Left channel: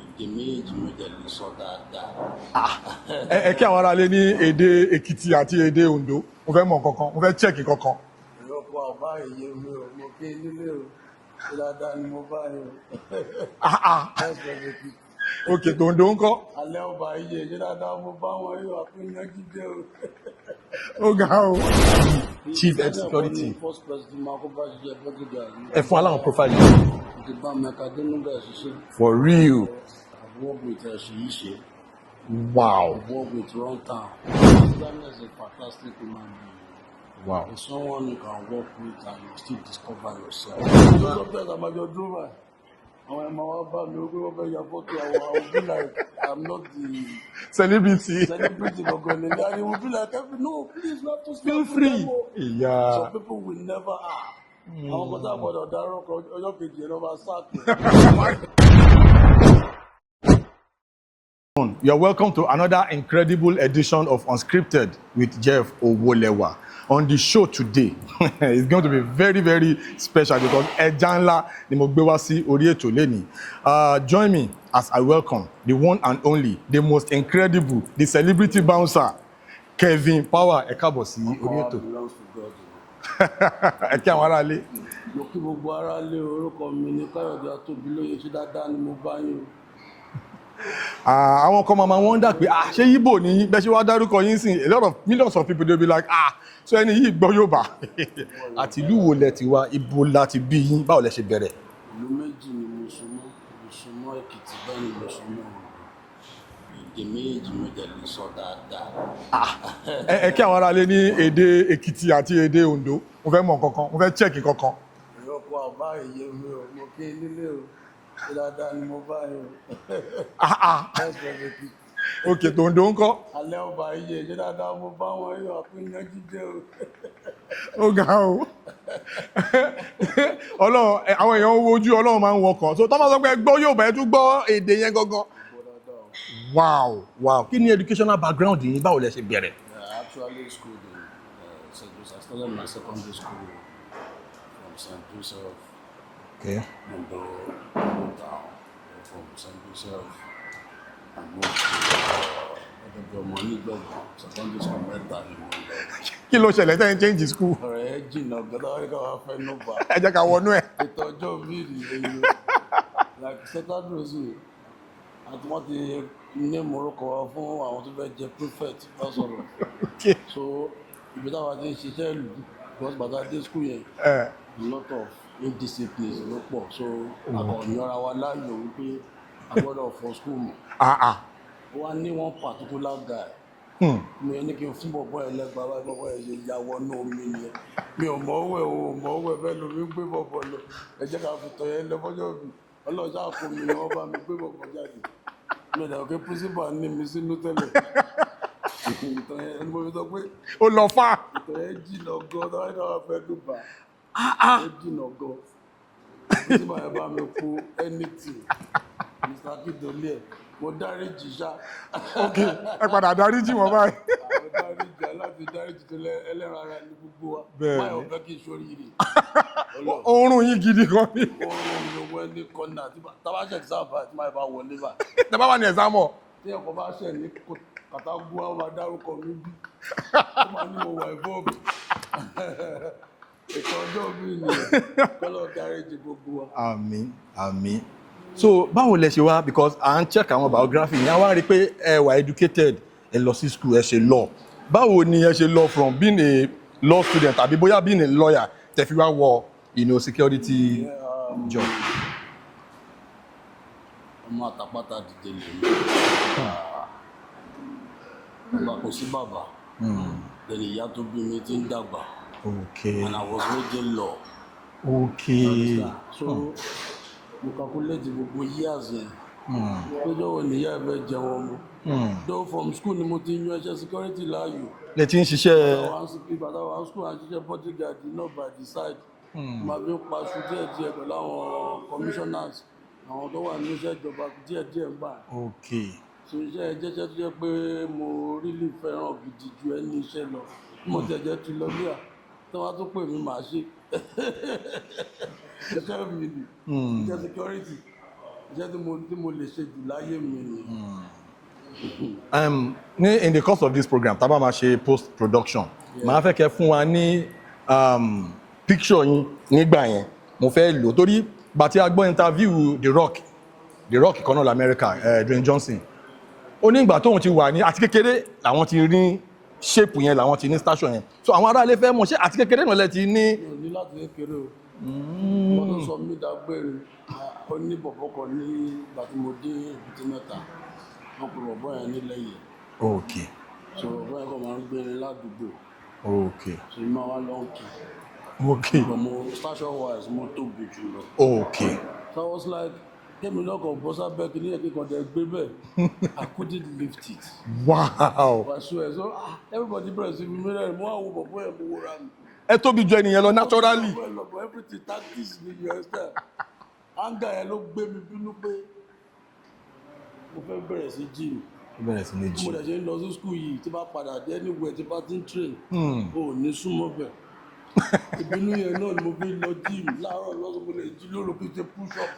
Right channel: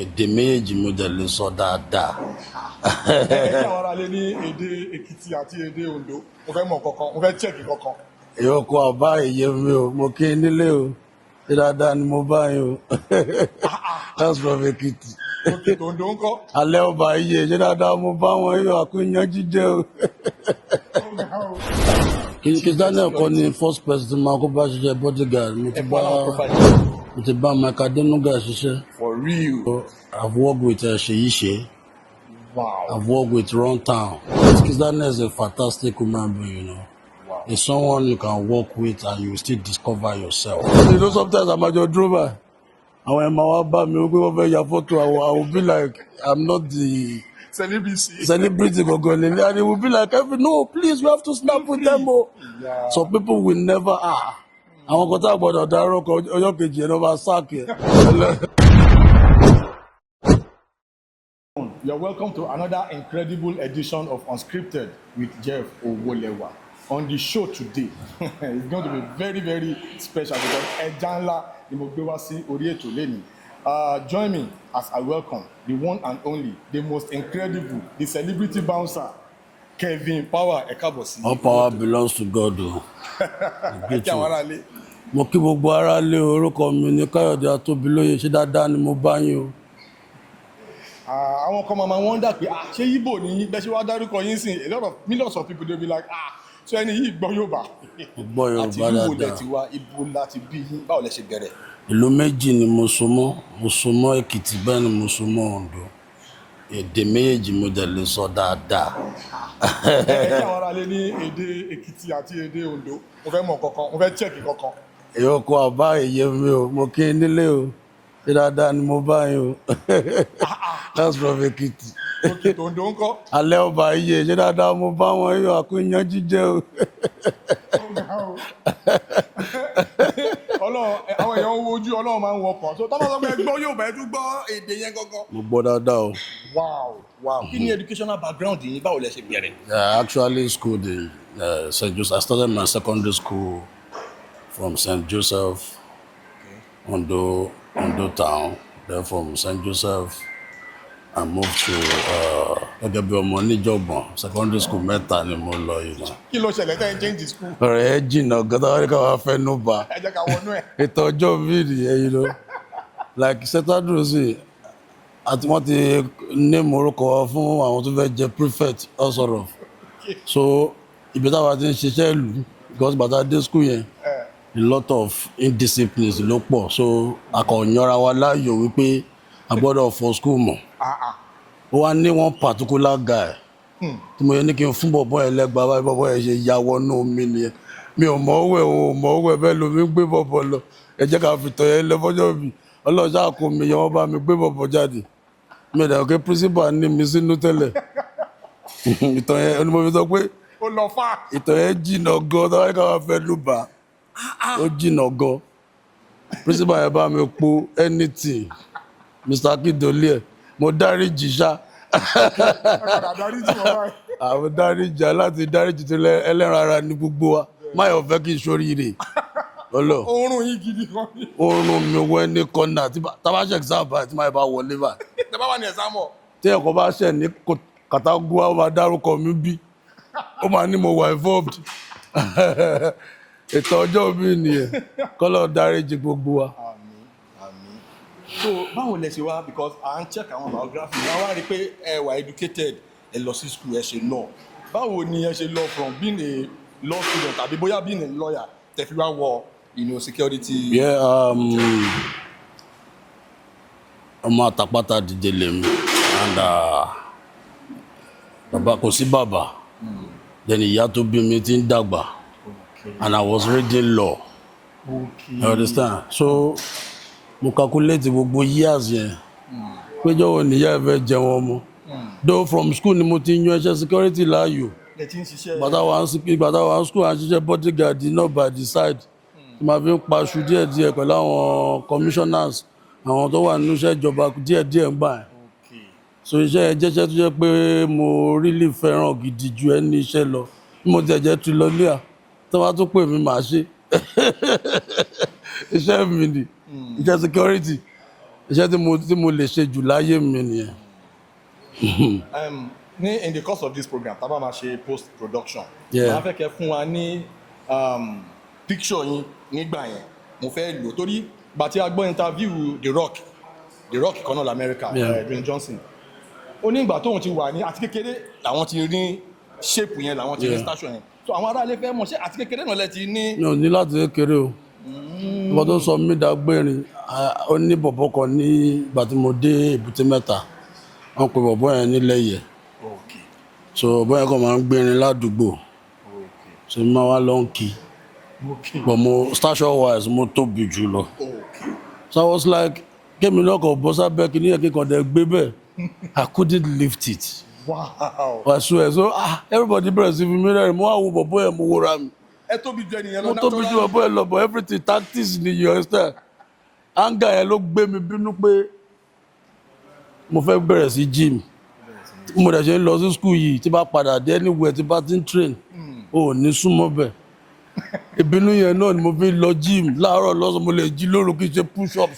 èdè méjì mo dẹ̀ lè sọ dáadáa. Ẹ kí àwọn ará lé ní èdè Èkìtì àti èdè Oǹdó mo fẹ́ mọ̀ kankan mo fẹ́ chẹ́ẹ̀kì kankan. Ìyókù àbá èyí mi o mo kí n nílé o ṣé dáadáa ni mo bá yín o. That's from Èkìtì. Òkè Oǹdó ńkọ́. Alẹ́ ọba iye ṣé dáadáa mo bá wọn yóò àkúnyán jíjẹ o. Ó ga o. Kizz Daniel kọ́ ni first person máa kó bá ṣiṣẹ́ bodyguard. Ẹ fún aláwọ̀ profile. Mo ti bá Mike Adenuga ṣiṣẹ́. For real. I've worked with Seyi She. Wow. I've worked with Runtown. Kizz Daniel is a fantastic human being, you know. Wow. It's someone you can work with and you still discover yourself. You know, sometimes I'm at your driver. And when my wife bought me, we over your photo, I will be like, I'm not the celebrity. And it will be like, no, please, we have to snap with them. Yeah. Some people will never I want to talk about You're welcome to another incredible edition of Unscripted with Jeff Owolewa. On the show today, it's going to be very, very special because ẹja ńlá ni mo gbé wá sí orí ètò lẹ́nìí. Join me as I welcome the one and only, the most incredible, the celebrity bouncer, Kevin Power. Ẹ káàbọ̀ sí. All power belongs to God. Ẹ kí àwọn ará lé. Mo kí gbogbo ará lé, orúkọ mi ni Káyọ̀dé Atóbilóyè, ṣé dáadáa ni mo bá yín o. Àwọn kan máa wonder pé ṣé Igbo ni bẹ́ẹ̀ ṣe wá dárúkọ yín sí, a lot of millions of people dey be like so ẹni yìí gbọ́ Yorùbá. Àti ìlú wo lẹ ti wá, ibo láti bí yín, báwo lẹ ṣe bẹ̀rẹ̀? Ìlú méjì ni mo so mọ́ Èkìtì, bẹ́ẹ̀ ni mo so mọ́ Oǹdó. Èdè méjì mo dẹ̀ lè sọ dáadáa. Ẹ kí àwọn ará lé ní èdè Èkìtì àti èdè Oǹdó mo fẹ́ mọ̀ kankan mo fẹ́ chẹ́ẹ̀kì kankan. Ìyókù àbá èyí mi o mo kí n nílé o ṣé dáadáa ni mo bá yín o. That's from Èkìtì. Òkè Oǹdó ńkọ́. Alẹ́ ọba iye ṣé dáadáa mo bá wọn yóò àkúnyán jíjẹ o. Ó ga o. Ọlọ́run àwọn èèyàn ń wojú Ọlọ́run máa ń wọkàn so tọ́mọ sọ pé gbọ́ Yorùbá ẹ tún gbọ́ èdè yẹn gangan. Mo gbọ́ dáadáa o. Wow. Kí ni educational background yìí, báwo lẹ ṣe bẹ̀rẹ̀? I actually schooled in St. Joseph. I started my secondary school from St. Joseph, Ondo town. Then from St. Joseph, I moved to gẹ́gẹ́ bí ọmọ níjọ̀gbọ̀n secondary school mẹ́ta ni mo lọ yìí. Kí ló ṣẹlẹ̀ tẹ́yìn change school? Ọ̀rẹ́ ẹ jìnnà gọ́dọ̀ wọ́n ní ká wá fẹ́ nú bá. Ẹ jẹ́ ká wọnú ẹ̀. Ètò ọjọ́ mi nìyẹn, you know. Like Saturday sí, àti wọ́n ti ní morúkọ fún àwọn tó fẹ́ jẹ prefect ọ̀sọ̀rọ̀. So ibi táwa ti ń ṣiṣẹ́ ìlú because bàtà dé school yẹn. A lot of indisciplines ló pọ̀, so akọ̀yànra wa láàyò wípé a gbọ́dọ̀ fọ school mọ̀. Ó wá ní one particular guy tí mo yẹ ní kí n fún bọ̀bọ̀ ẹ̀ lẹ́gbàá báyìí bọ̀bọ̀ ẹ̀ ṣe ya wọnú omi nìyẹn. Mi ò mọ̀ owó ẹ̀ bẹ́ẹ̀ lomi gbé bọ̀bọ̀ lọ. Ẹ jẹ́ ká fi tọ̀ yẹn lẹ́fọ́jọ́ mi. Ọlọ́ọ̀ṣà kò mi yẹn wọ́n bá mi gbé bọ̀bọ̀ jáde. Mi ò dẹ̀ kí principal ní mi sínú tẹ́lẹ̀. Ìtọ̀ yẹn ni mo fi sọ pé ó lọ fà. Ìtọ̀ yẹn jìnnà gan tó wáyé ká wá fẹ́ lù bá. Ó jìnnà gan. Principal yẹn bá mi po anything. Mr. Akindole mo dáríjì ṣá. Ẹ padà dáríjì wọn báyìí. Àwọn dáríjì aláti dáríjì tó ẹlẹ́ran ara ní gbogbo wa. Máyọ̀ fẹ́ kí n ṣoríire. Oorun yín gidi kan ni. Oorun mi wọ ní kọ́nà tábàṣẹ exam báyìí tí máa bá wọlé bá. Tẹ bá wà ní exam ọ̀. Tí ẹ̀kọ́ bá ṣẹ̀ ní kàtàgùwà ó máa dárúkọ mi bí. Ó máa ní mo wà involved. Ètò ọjọ́ mi nìyẹn. Kọ́lọ́ dáríjì gbogbo wa. Àmín. So báwo lẹ ṣe wá, because à ń check àwọn biography ní àwọn rí pé ẹ wà educated, ẹ lọ sí school, ẹ ṣe law. Báwo ni ẹ ṣe lọ from being a law student tàbí bóyá being a lawyer tẹ fi wá wọ security? Ọmọ àtàpátá dìde lèmi and bàbá kò sí bàbá. Then ìyá tó bí mi ti ń dàgbà. And I was reading law. You understand? So mo calculate gbogbo years yẹn péjọ wo níyà ẹ fẹ́ jẹun ọmọ. Though from school ni mo ti yan iṣẹ́ security láàyò. Lẹ ti ń ṣiṣẹ́. Gbàtà wà school à ń ṣiṣẹ́ bodyguard not by the side. Màá fi ń paṣu díẹ̀díẹ̀ pẹ̀lú àwọn commissioners, àwọn tó wà nínú iṣẹ́ ìjọba díẹ̀díẹ̀ ń gbà. So iṣẹ́ ẹ jẹ́ṣẹ́ tó jẹ́ pé mo really fẹ́ràn gidi ju ẹni iṣẹ́ lọ. Mo ti ẹ̀jẹ̀ tu lọ lé à tó wá tó pè mí màá ṣe. Iṣẹ́ mi ni iṣẹ́ security. iṣẹ́ tí mo lè ṣe jù láyé mi nìyẹn. In the course of this program tá bá máa ṣe post production máa fẹ́ kẹ́ fún wa ní picture yín nígbà yẹn mo fẹ́ lò torí gbà tí a gbọ́ interview The Rock kan náà l'America Dwayne Johnson ó ní ìgbà tóun ti wà ní àti kékeré làwọn ti rí shape yẹn làwọn ti ní station yẹn so àwọn aráalé fẹ́ mọ̀ ṣé àti kékeré náà lẹ ti ní. mi ò ní láti kékeré o mo tó sọ mí dágbérin ó ní bọ̀bọ̀ kan ní ìgbà tí mo dé Èbúté Mẹ́ta wọ́n pe bọ̀bọ̀ yẹn nílẹ̀ yẹ so bọ̀bọ̀ yẹn kàn máa ń gbérin ládùúgbò so mi máa wá lọ ń kí but mo station wise mo tóbi jù lọ so I was like kémi lọ́kọ̀ bọ́ sábẹ́ kí ní ẹ̀kí kan dẹ̀ gbé bẹ́ẹ̀ I couldn't lift it. Wow. I swear so everybody bẹ̀rẹ̀ sí fi mí rẹ́rìn mo wá wo bọ̀bọ̀ yẹn mo wúra mi. ẹ tóbi ju ẹnìyẹn lọ naturally. mo tóbi ju bọ̀bọ̀ yẹn lọ but everything tactics ni you understand. Anger yẹn ló gbé mi bínú pé mo fẹ́ bẹ̀rẹ̀ sí gym. mo dẹ̀ ṣe ń lọ sí school yìí tí bá padà dé anywhere tí bá ti ń train o ò ní súnmọ́ bẹ́ẹ̀. ìbínú yẹn náà ni mo fi lọ gym láàárọ̀ lọ́sàn mo lè jí lóru kí n ṣe push up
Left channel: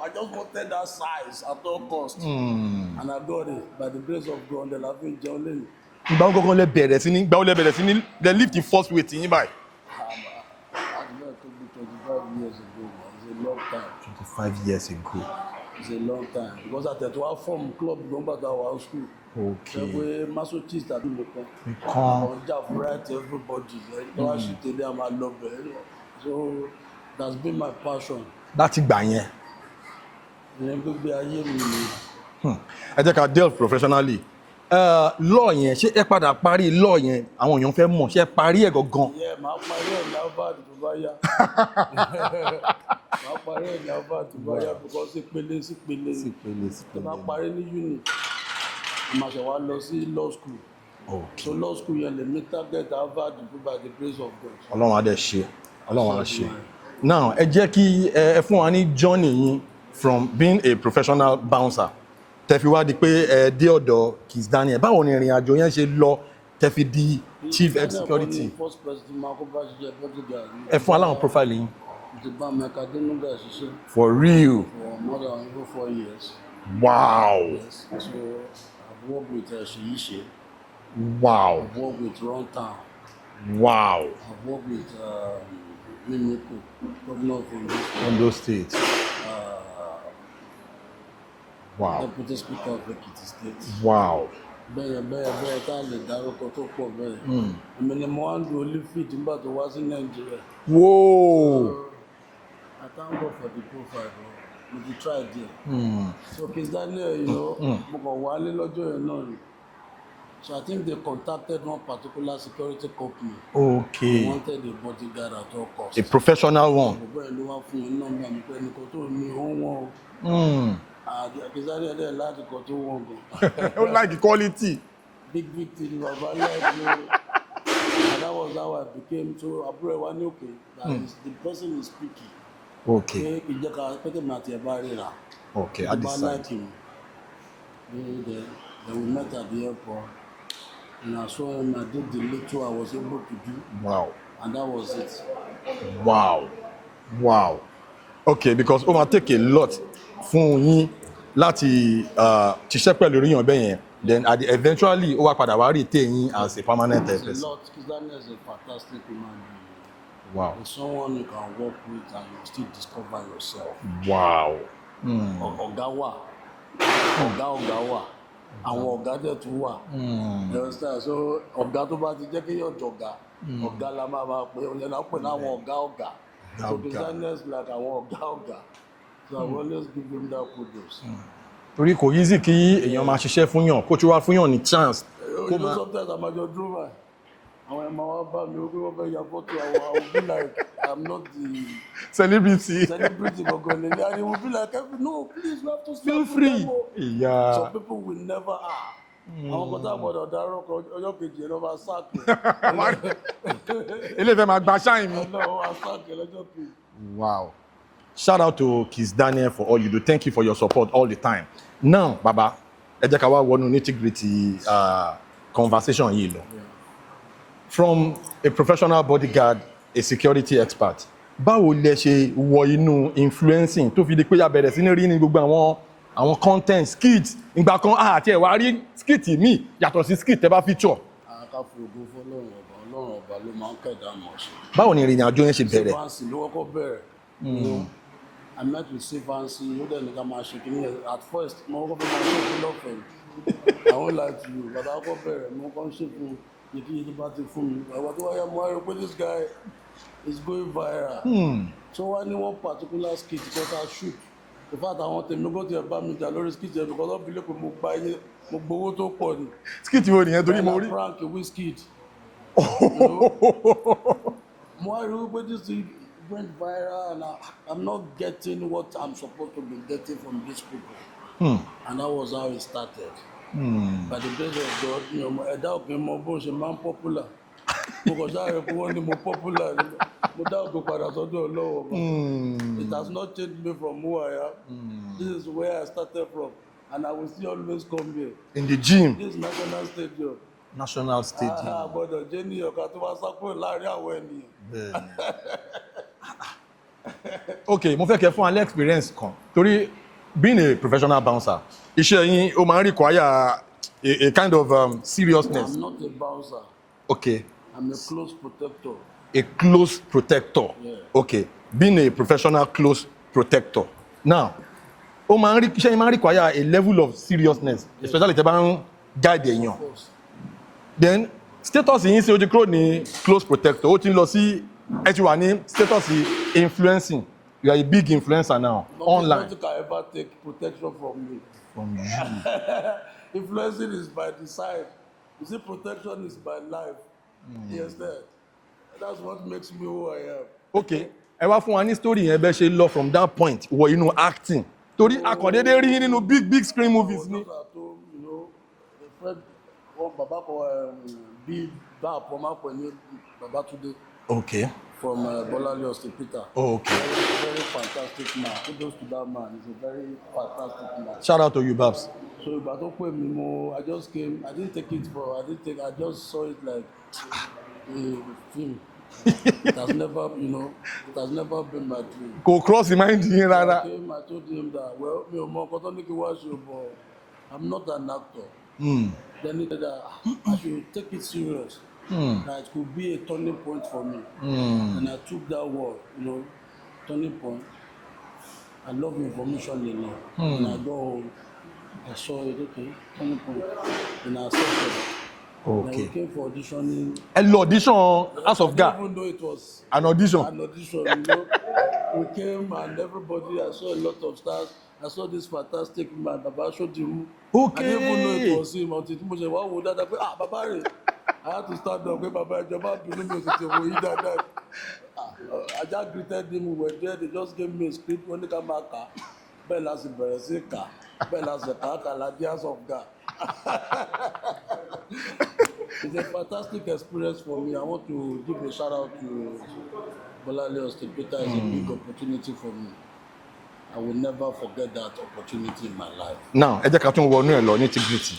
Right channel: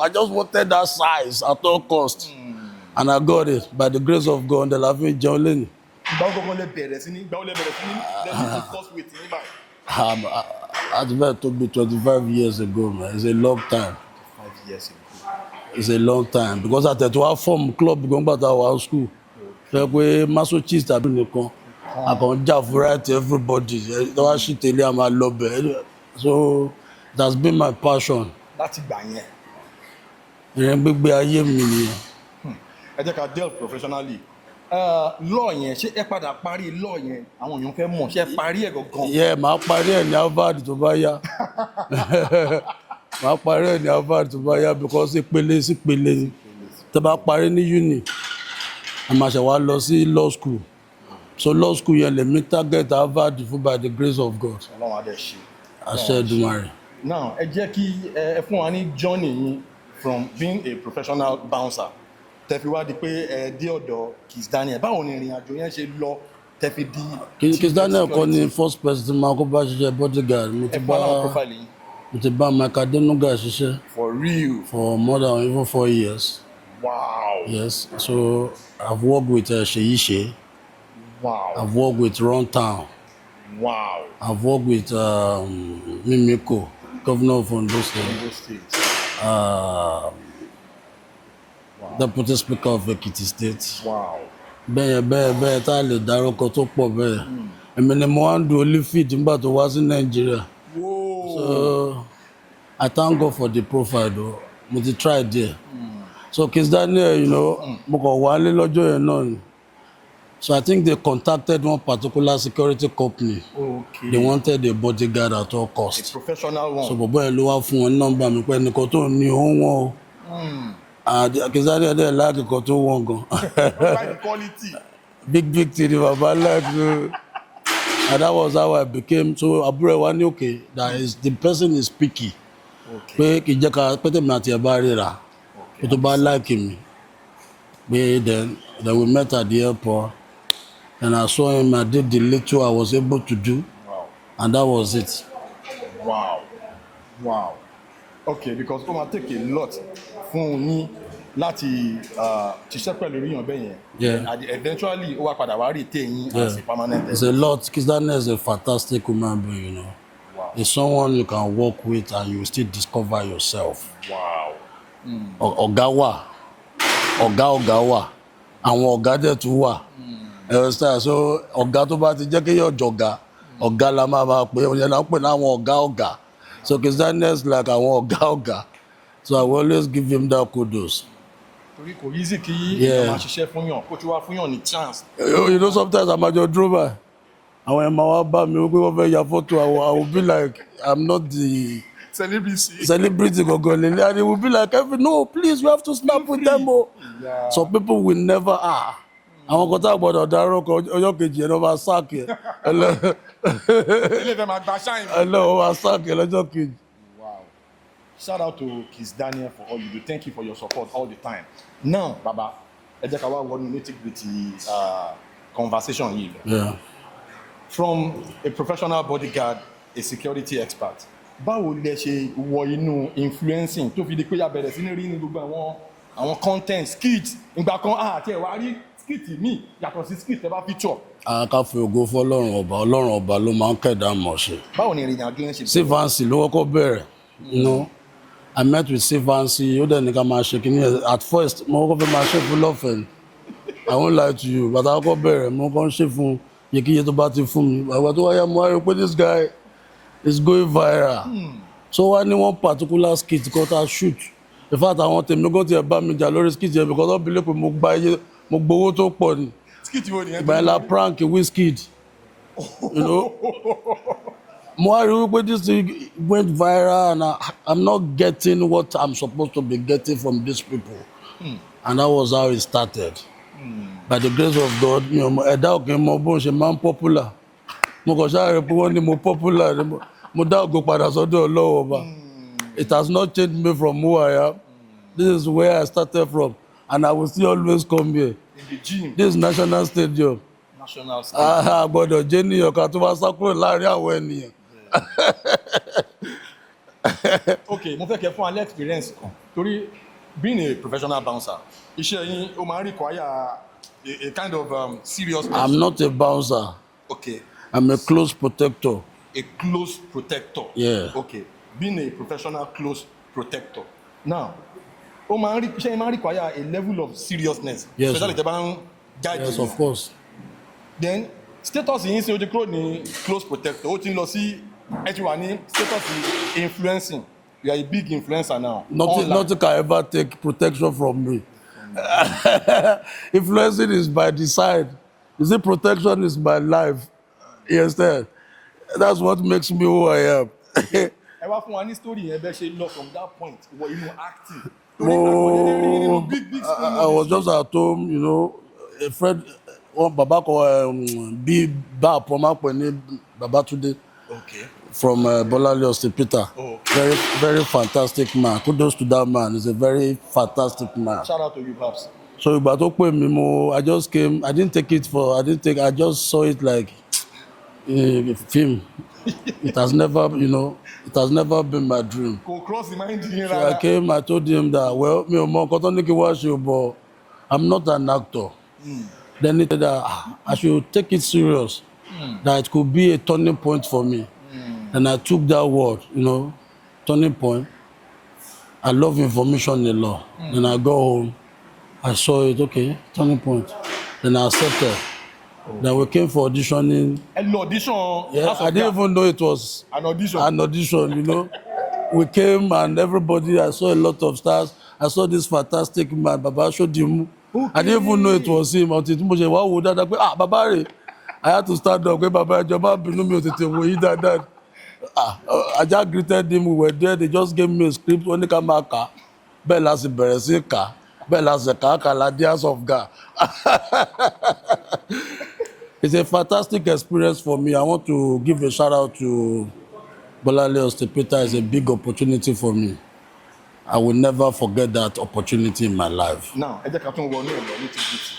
I just wanted that size at all cost and I got it by the grace of God ǹdẹ̀ la fi ń jẹun lẹ́nu. ìgbà wo gbọ́ngàn lẹ bẹ̀rẹ̀ sí ní the lift the first weight yín báyìí. At very to be 25 years ago man it's a long time. 25 years ago. It's a long time because àtẹ̀tù wa form club gan gbàtà wà school. fẹ́ pé masochist àbí nìkan àbọ̀ ń jà fún right everybody tó wá sí tẹ̀lé a máa lọ bẹ̀ so that's been my passion. láti gbà yẹn. ìrìn gbígbé ayé mi nìyẹn. ẹ jẹ́ ká delve professionally law yẹn ṣé ẹ padà parí law yẹn àwọn èèyàn fẹ́ mọ̀ ṣé ẹ parí ẹ̀ gangan. yẹ màá parí ẹ̀ ní Harvard tó bá yá màá parí ẹ̀ ní Harvard tó bá yá because ìpele sí ìpele tó bá parí ní uni a máa ṣe wá lọ sí law school so law school yẹn lè mi target Harvard fún by the grace of God. Ọlọ́run adé ṣe. àṣẹ Èdùmàrè. now ẹ jẹ́ kí ẹ fún wa ní journey yín from being a professional bouncer tẹ́ fi wá di pé ẹ dé ọ̀dọ̀ Kizz Daniel báwo ni ìrìn àjò yẹn ṣe lọ tẹ́ fi di Kizz Daniel kọ́ ni first person tí máa kó bá ṣiṣẹ́ bodyguard. ẹ fún aláwọ̀ profile yín. mo ti bá Mike Adenuga ṣiṣẹ́. for real. for more than even 4 years. Wow. Yes, so I've worked with Sheyi Shey. Wow. I've worked with Runtown. Wow. I've worked with Mimiko, governor of Ondo State. Wow. Deputy Speaker of Ekiti State. Wow. Bẹ́ẹ̀ tá a lè dárúkọ tó pọ̀ bẹ́ẹ̀. Èmi ni mo wá ń do Olifid nígbà tó wá sí Nàìjíríà. Whoa. So I thank God for the profile though. Mo ti try there. So Kizz Daniel, you know, mo kàn wálé lọ́jọ́ yẹn náà ni. So I think they contacted one particular security company. Okay. They wanted a bodyguard at all costs. A professional one. So bọ̀bọ̀ yẹn ló wá fún wọn nọ́mbà mi pé ẹnìkan tó ní òun wọn o. Kizz Daniel dẹ̀ láàkì kan tó wọ̀n gan. Don't like the quality. Big thing baba like and that was how I became so àbúrò wa ní okay that is the person is picky. Okay. Pé kì í jẹ́ ká pété mi àti ẹ̀ bá ríra. Okay. Tó bá like mi. Pé then we met at the airport and I saw him. I did the little I was able to do. Wow. And that was it. Wow. Wow. Okay, because ó máa take a lot fún yín láti ṣiṣẹ́ pẹ̀lú oríyàn bẹ́ẹ̀ yẹn. And eventually ó wá padà wá rí tẹ̀ yín as a permanent. It's a lot. Kizz Daniel is a fantastic human being, you know. Wow. It's someone you can work with and you still discover yourself. Wow. Ọ̀gá wà. Ọ̀gá wà. Àwọn ọ̀gá dẹ̀ tún wà. So ọ̀gá tó bá ti jẹ́ kéèyàn jọ̀gá. Ọ̀gá la máa pè é. Òyìnbó náà pè ní àwọn ọ̀gá. So Kizz Daniel is like àwọn ọ̀gá. So I will always give him that kudos. Torí kò easy kí èèyàn máa ṣiṣẹ́ fún yàn kó tí wàá fún yàn ní chance. You know sometimes I'm at your drama. Àwọn ẹ̀ máa wá bá mi wípé wọ́n fẹ́ ya photo. I will be like I'm not the celebrity gangan lele and he will be like no please you have to snap with them o. Yeah. Some people will never àwọn kan tá a gbọ́dọ̀ dárúkọ ọjọ́ kejì ẹ̀ lọ́ máa sáàkì ẹ̀. Ilé ìfẹ́ máa gba ṣáìn. Wọ́n máa sáàkì ẹ̀ lọ́jọ́ kejì. Wow. Shout out to Kizz Daniel for all you do. Thank you for your support all the time. Now, Baba, ẹ jẹ́ ká wá wọnú nitty-gritty conversation yìí lọ. Yeah. From a professional bodyguard, a security expert, báwo lẹ ṣe wọ inú influencing tó fi di pé ya bẹ̀rẹ̀ sí ní rí ní gbogbo àwọn content skits ìgbà kan àti ẹ̀wà rí skit mi yàtọ̀ sí skit tẹ́ bá feature. Ká fi ògo fún Ọlọ́run ọba ló máa ń kẹ̀dá mọ̀ ṣe. Báwo ni ìrìn àjò yẹn ṣe bẹ̀rẹ̀? Sivansi ló kọ́kọ́ bẹ̀rẹ̀. You know, I met with Sivansi, ó dẹ̀ ní ká máa ṣe kìíní. At first, mo kọ́kọ́ fẹ́ máa ṣe fún lọ́fẹ̀ẹ́. I won't lie to you, but I kọ́kọ́ bẹ̀rẹ̀, mo kọ́ ń ṣe fún yèkíyè tó bá ti fún mi. Àgbà tó wáyà mo wá rí pé this guy is going viral. So wá ní one particular skit kan tá shoot. In fact, àwọn tèmi gan tiẹ̀ bá mi jà lórí skit yẹn because wọ́n believe pé mo gbowó tó pọ̀ ni. Skit wo nìyẹn tó ní Bella prank Wizkid. You know? Mo wá rí wípé this thing went viral and I'm not getting what I'm supposed to be getting from these people. And that was how it started. By the grace of God, ẹ̀dá òkè mọ bó ń ṣe máa ń popular. Mo kàn ṣáà rí pé wọ́n ní mo popular ni mo dá ògo padà sọ́dọ̀ Ọlọ́run ọba. It has not changed me from who I am. This is where I started from and I will still always come here. In the gym. This is National Stadium. National Stadium. Gbọ́dọ̀ jẹ́ níyàn ká tó wá sá kúrò láàrin àwọn ènìyàn. Okay, mo fẹ́ kẹ́ fún alẹ́ experience kan torí being a professional bouncer iṣẹ́ yín ó máa ń require a kind of seriousness. I'm not a bouncer. Okay. I'm a close protector. A close protector. Yeah. Okay. Being a professional close protector. Now, iṣẹ́ yín máa ń require a level of seriousness. Yes. Especially tẹ́ bá ń guide Yes, èèyàn. of course. Then status yín ṣe ó ti kúrò ní close protector ó ti ń lọ sí ẹ ti wà ní status influencing. You are a big influencer now. Nothing can ever take protection from me. Influencing is by design. You see, protection is my life. You understand? That's what makes me who I am. Okay. Ẹ wá fún wa ní story yẹn bẹ́ẹ̀ ṣe lọ from that point wọ inú acting. Torí àkọ́dédé rí nínú big screen movies. I was just at home, you know, a friend, bàbá kan bí bá àpọ̀mọ́ pẹ̀ ní Babatunde. Okay. From Bolale Hospital. Oh, okay. Very, very fantastic man. Kudos to that man. He's a very fantastic man. Shout out to you, Babs. So ìgbà tó pè mí I just came. I just saw it like a film. It has never, it has never been my dream. Go cross the mind yín rárá. So I came, I told him that, well, mi ò mọ nǹkan tó ní kí wá ṣe, but I'm not an actor. Then he said that I should take it serious. That it could be a turning point for me. And I took that word, turning point. I love information a lot. Then I go home, I saw it, okay, turning point. Then I accepted. Okay. Then we came for auditioning. An audition? Yeah, I didn't even know it was an audition. An audition, We came and everybody, I saw a lot of stars. I saw this fantastic man, Baba Shodimu. Okay. I didn't even know it was him until Baba would Baba. I had to start up. Baba Jaba bínú mi ò tètè wò yí dáadáa. I just greeted him. We were there. They just gave me a script. Wọ́n ní ká máa kà. Bẹ́ẹ̀ la sì bẹ̀rẹ̀ sí kà. Bẹ́ẹ̀ la sì kà la Tears of God. It's a fantastic experience for me. I want to give a shout out to Bolale Hospital. It's a big opportunity for me. I will never forget that opportunity in my life. Now, ẹ jẹ́ ká tún wọnú ẹ̀ lọ ní Tigrity.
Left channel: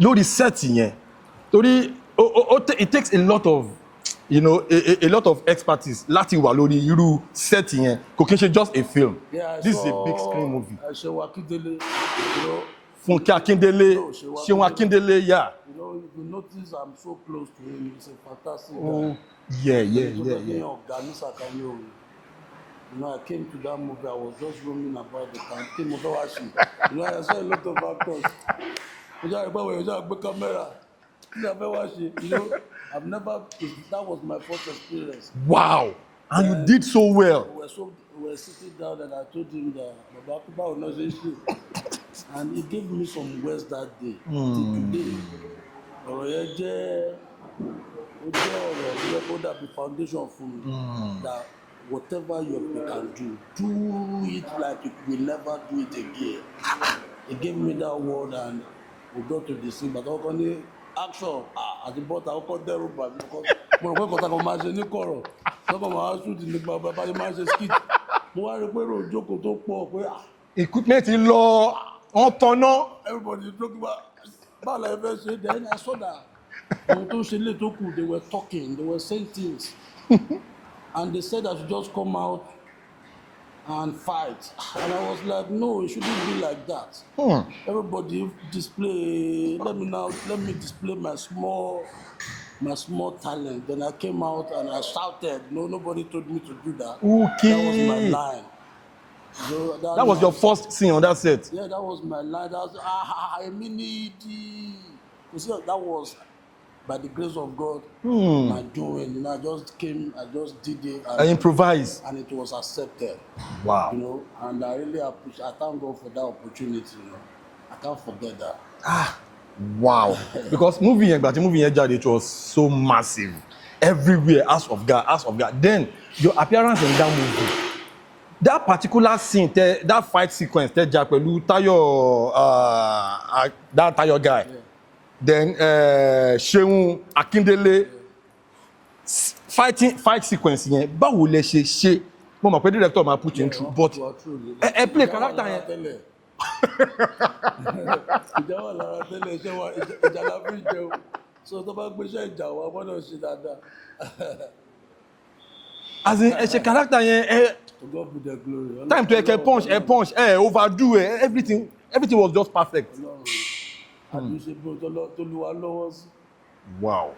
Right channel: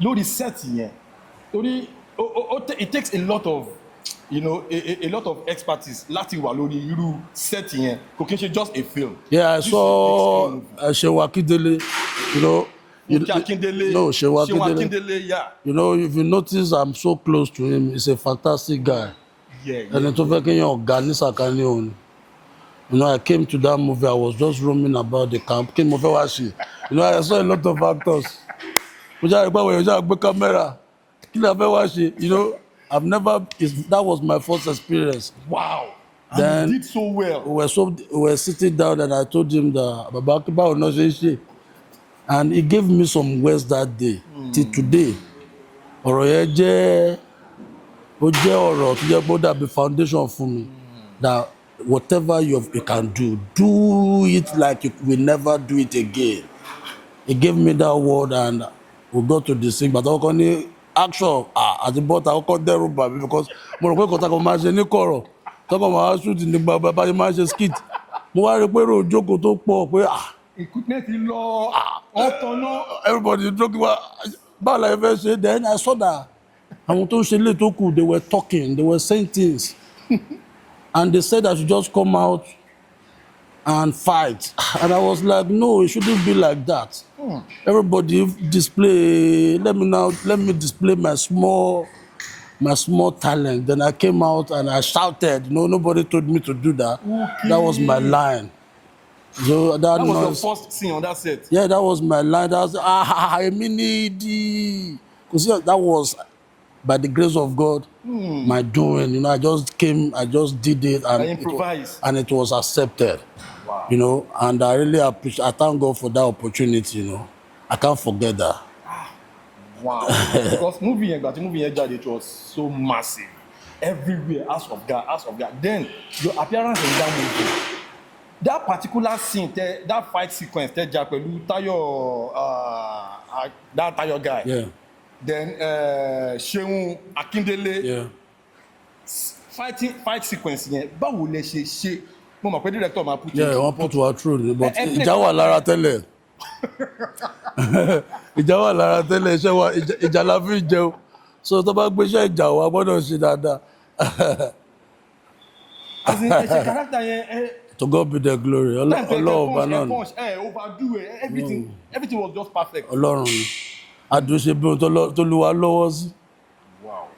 Lórí set yẹn, torí it takes a lot of, a lot of expertise láti wà lórí irú set yẹn. Kò kí n ṣe just a film. Yeah, I this saw is a big screen movie. Shewa Akindele, Funke Akindele. No, Shewa Akindele, yeah. If you notice, I'm so close to him. He's a fantastic guy. Yeah. And tó fẹ́ kéèyàn ọ̀gá ní sàkání òun. I came to that movie. I was just roaming about the camp. Kí ni mo fẹ́ wá ṣe? I saw a lot of actors. Mo jáde pé àwọn èèyàn jáde gbé kámẹ́rà. Kí ni a fẹ́ wá ṣe? That was my first experience. Wow. Then, and you did so well. We were sitting down and I told him that Baba Akiba will not say. And he gave me some words that day. Till today. Ọ̀rọ̀ yẹn jẹ́ ọ̀rọ̀ tó jẹ́ bó dàbí foundation fún mi. That whatever you can do it like you will never do it again. He gave me that word and we got to the scene. But I was ní action àti bọ́tà ọkọ̀ dẹ́rù bà mí because mo rò pé kọ́tà kan máa ṣe ní kọ̀rọ̀ tọ́kọ̀ máa shoot ní bàbá bá ṣe máa ṣe skit. Mo wá rí pé èrò òjókòó tó pọ̀ pé equipment lọ wọ́n tọ́nà. Everybody joking báwo la fẹ́ ṣe. Then I saw that àwọn tó ń ṣe lè tó kù they were talking, they were saying things. And they said I should just come out and fight. And I was like, no, it shouldn't be like that. Everybody display, let me display my small talent. Then I came out and I shouted. No, nobody told me to do that. Okay. That was my line. So that was your first scene on that set? Yeah, that was my line. That was, because that was, by the grace of God, my doing. You know, I just did it. And I improvised. And it was accepted. Wow. You know, and I really appreciate, I thank God for that opportunity, you know. I can't forget that. Wow. Because movie, it was so massive. Everywhere, House of God. Then, your appearance in that movie, that particular scene, that fight sequence, that Tayo guy. Yeah. Then, Sheun Akindele. Yeah. Fight sequence, báwo lẹ ṣe. Mo mọ̀ pé director máa put you through. Yeah, wọ́n put wa through. But ìjà wà lára tẹ́lẹ̀. Iṣẹ́ wa, ìjà la fi jẹun. So tó bá gbé iṣẹ́ ìjà wa gbọ́dọ̀ ṣe dáadáa. As in, ẹ character yẹn. To God be the glory. Time to punch, overdo it. Everything was just perfect. Ọlọ́run ni. Àdúróṣe bí ohun tó lù wá lọ́wọ́ sí. Wow.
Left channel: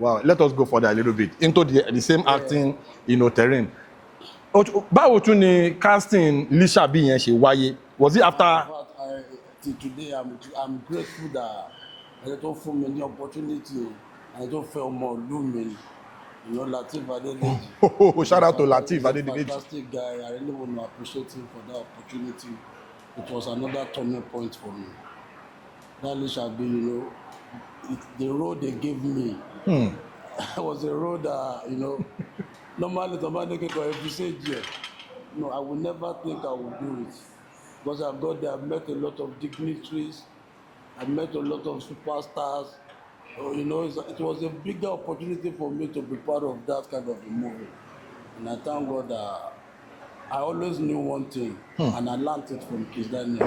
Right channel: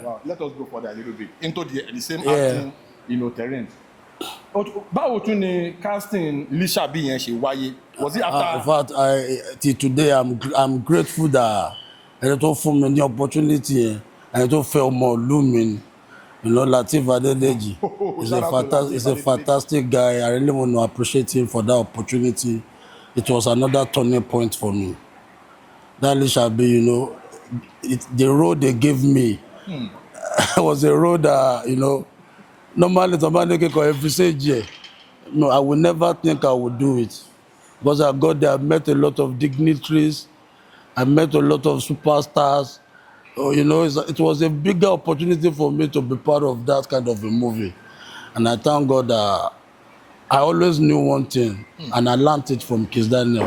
Wow. Let us go further a little bit into the same acting, terrain. Báwo tún ni casting Lishabi yẹn ṣe wáyé? Was it after? In fact, till today, I'm grateful that ẹni tó fún mi ní opportunity yẹn, ẹni tó fẹ́ ọmọ ìlú mi, Lateef Adedeji. Shout out to Lateef. He's a fantastic guy. I really want to appreciate him for that opportunity. It was another turning point for me. That Lishabi, the role they gave me was a role that, normally somebody can every say, no, I would never think I would do it. Because I got there, I met a lot of dignitaries, I met a lot of superstars. It was a bigger opportunity for me to be part of that kind of a movie. And I thank God that I always knew one thing, and I learned it from Kizz Daniel.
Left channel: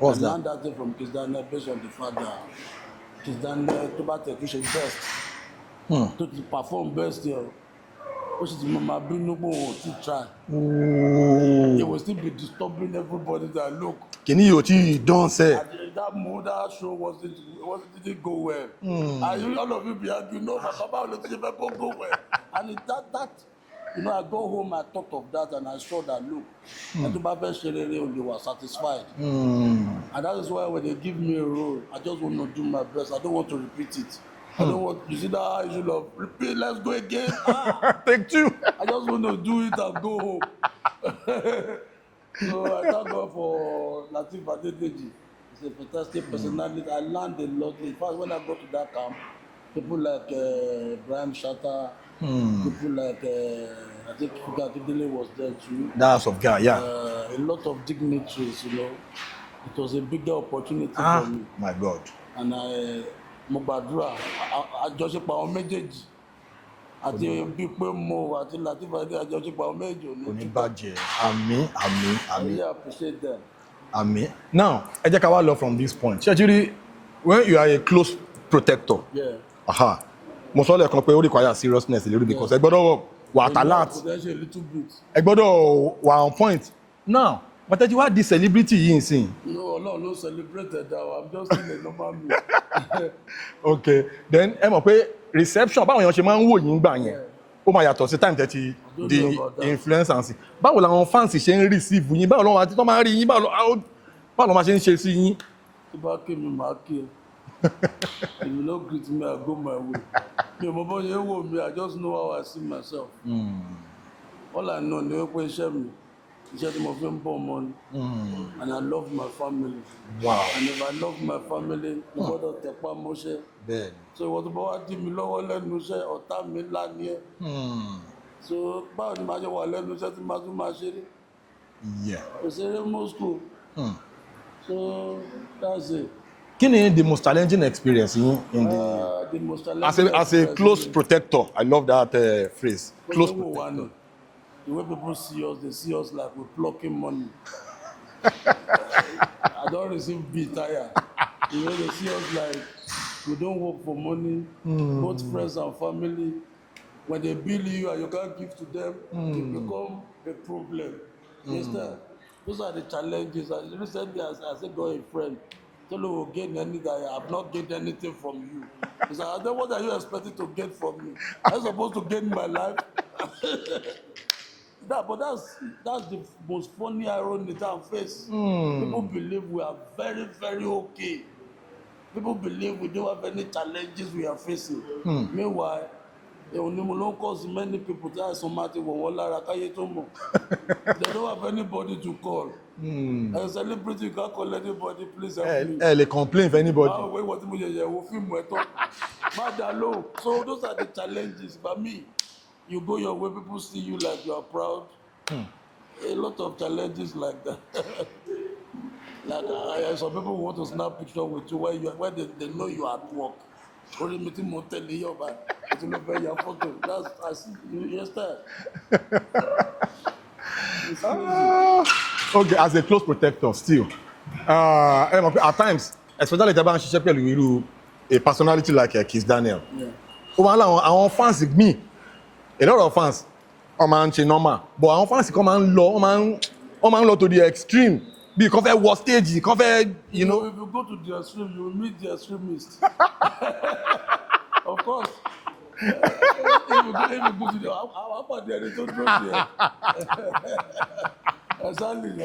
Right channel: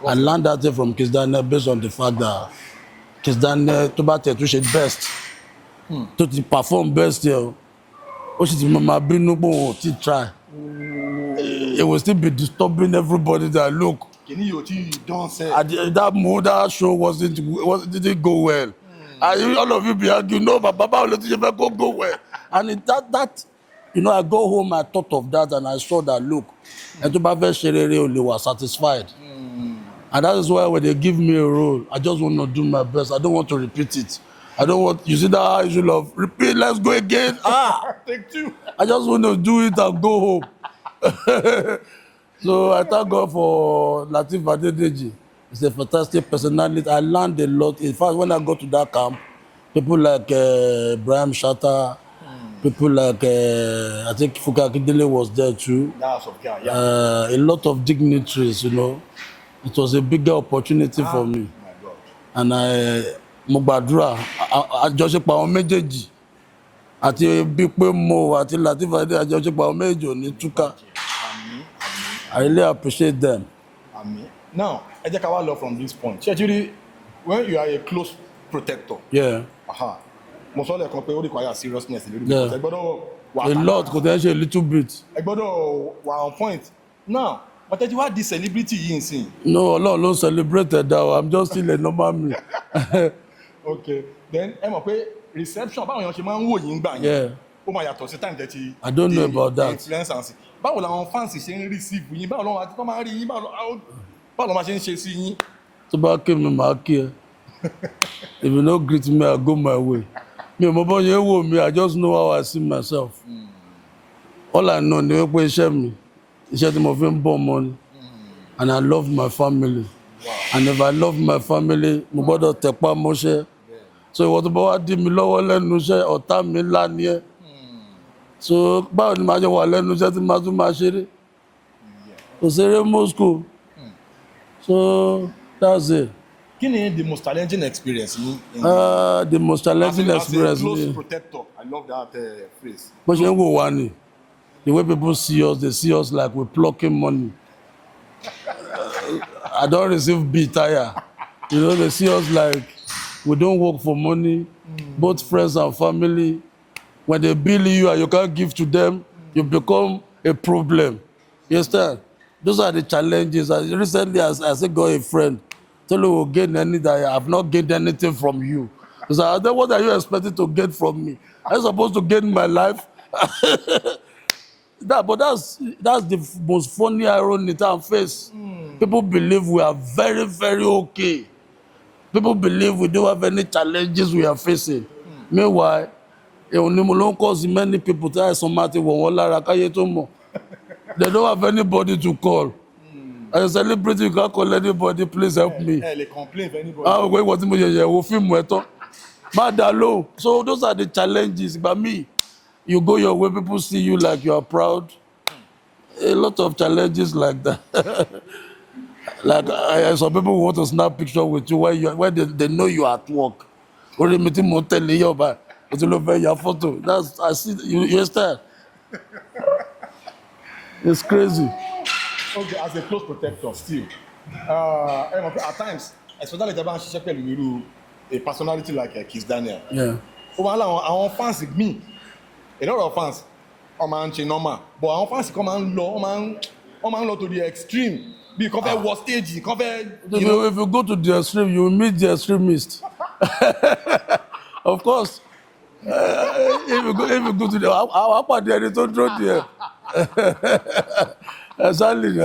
I learned that thing from Kizz Daniel based on the fact that Kizz Daniel tó bá tẹ̀ tó ṣe best, tó ti perform best here, ó sì ti máa bínú pé òun ò tí try. It will still be disturbing everybody that look. Kìíní yóò tí don say. That show didn't go well. All of you be arguing, no, but Baba will let you go well. And I go home, I thought of that, and I saw that, look, and to be very was satisfied. And that is why when they give me a role, I just want to do my best. I don't want to repeat it. I don't want, you see that issue of repeat, let's go again. Take two. I just want to do it and go home. So I thank God for Lateef Adedeji. He's a fantastic personality. I learned a lot. In fact, when I go to that camp, people like Brian Shatta, people like, I think Fuka Akindele was there too. Dance of God, yeah. A lot of dignitaries, It was a bigger opportunity for me. My God. And mo gbàdúrà, àjọṣepọ̀ àwọn méjèèjì, àti Bípé Mo àti Lateef Adedeji, àjọṣepọ̀ àwọn méjèèjì ò ní túká. Àmín. I really appreciate them. Àmín. Now, ẹ jẹ́ ká wá lọ from this point. Ṣé when you are a close protector. Yeah. Mo sọ lẹ́ẹ̀kan pé ó require seriousness a little bit. Because ẹ gbọ́dọ̀ wà alert. A lot, kò tẹ́ ṣe a little bit. Ẹ gbọ́dọ̀ wà on point. Now, but ẹ ti wá di celebrity yìí nsìn. No, Ọlọ́run ló celebrated that. I'm just still a normal man. Okay. Then ẹ mọ̀ pé reception báwọn èèyàn ṣe máa ń wò yín gbà yẹn. Ó máa yàtọ̀ sí time tẹ́tí. I don't know about that. Influencers. Báwo làwọn fans ṣe ń receive yín? Báwo làwọn àti tó máa ń rí yín? Báwo ló máa ṣe ń ṣe sí yín? Tó bá kí mi, màá kí ẹ. If you no greet me, I go my way. Mi ò mọ bọ́ yẹn wò mí, I just know how I see myself. All I know ni wípé iṣẹ́ mi, iṣẹ́ tí mo fi ń bọ́ ọmọ ni. And I love my family. Wow. And if I love my family, mo gbọ́dọ̀ tẹpá mọ́ṣẹ́. So ìwọ tó bá wá dí mi lọ́wọ́ lẹ́nu iṣẹ́, ọ̀tá mi ńlá ni ẹ́. So báwo ni màá jẹ wà lẹ́nu iṣẹ́ tí màá tún máa ṣeré? Kò ṣeré Moscow. So that's it. Kí ni the most challenging experience in the most challenging experience? As a close protector, I love that phrase. But the way people see us, they see us like we're plucking money. I don't receive beat tire. They see us like we don't work for money. Both friends and family, when they bill you and you can't give to them, you become a problem. You understand? Those are the challenges. Recently, I still got a friend. Tell you will gain anything. I have not gained anything from you. So then what are you expecting to get from me? I'm supposed to gain my life. But that's the most funny irony that I face. People believe we are very, very okay. People believe we don't have any challenges we are facing. Meanwhile, they don't cause many people to have somebody they don't have anybody to call. As a celebrity, you can't call anybody, please help me. They complain if anybody. So those are the challenges. But me, you go your way, people see you like you are proud. A lot of challenges like that. Like some people want to snap picture with you when they know you are at work. That's I see you understand. It's crazy. Okay, as a close protector still. At times, especially a personality like Kizz Daniel. Yeah. Our fans me, a lot of fans, normal, but our fans come and low to the extreme. Because they was stage, because if you go to the extreme, you will meet the extremist. Of course. If you go to the how about the editor drop there? Exactly.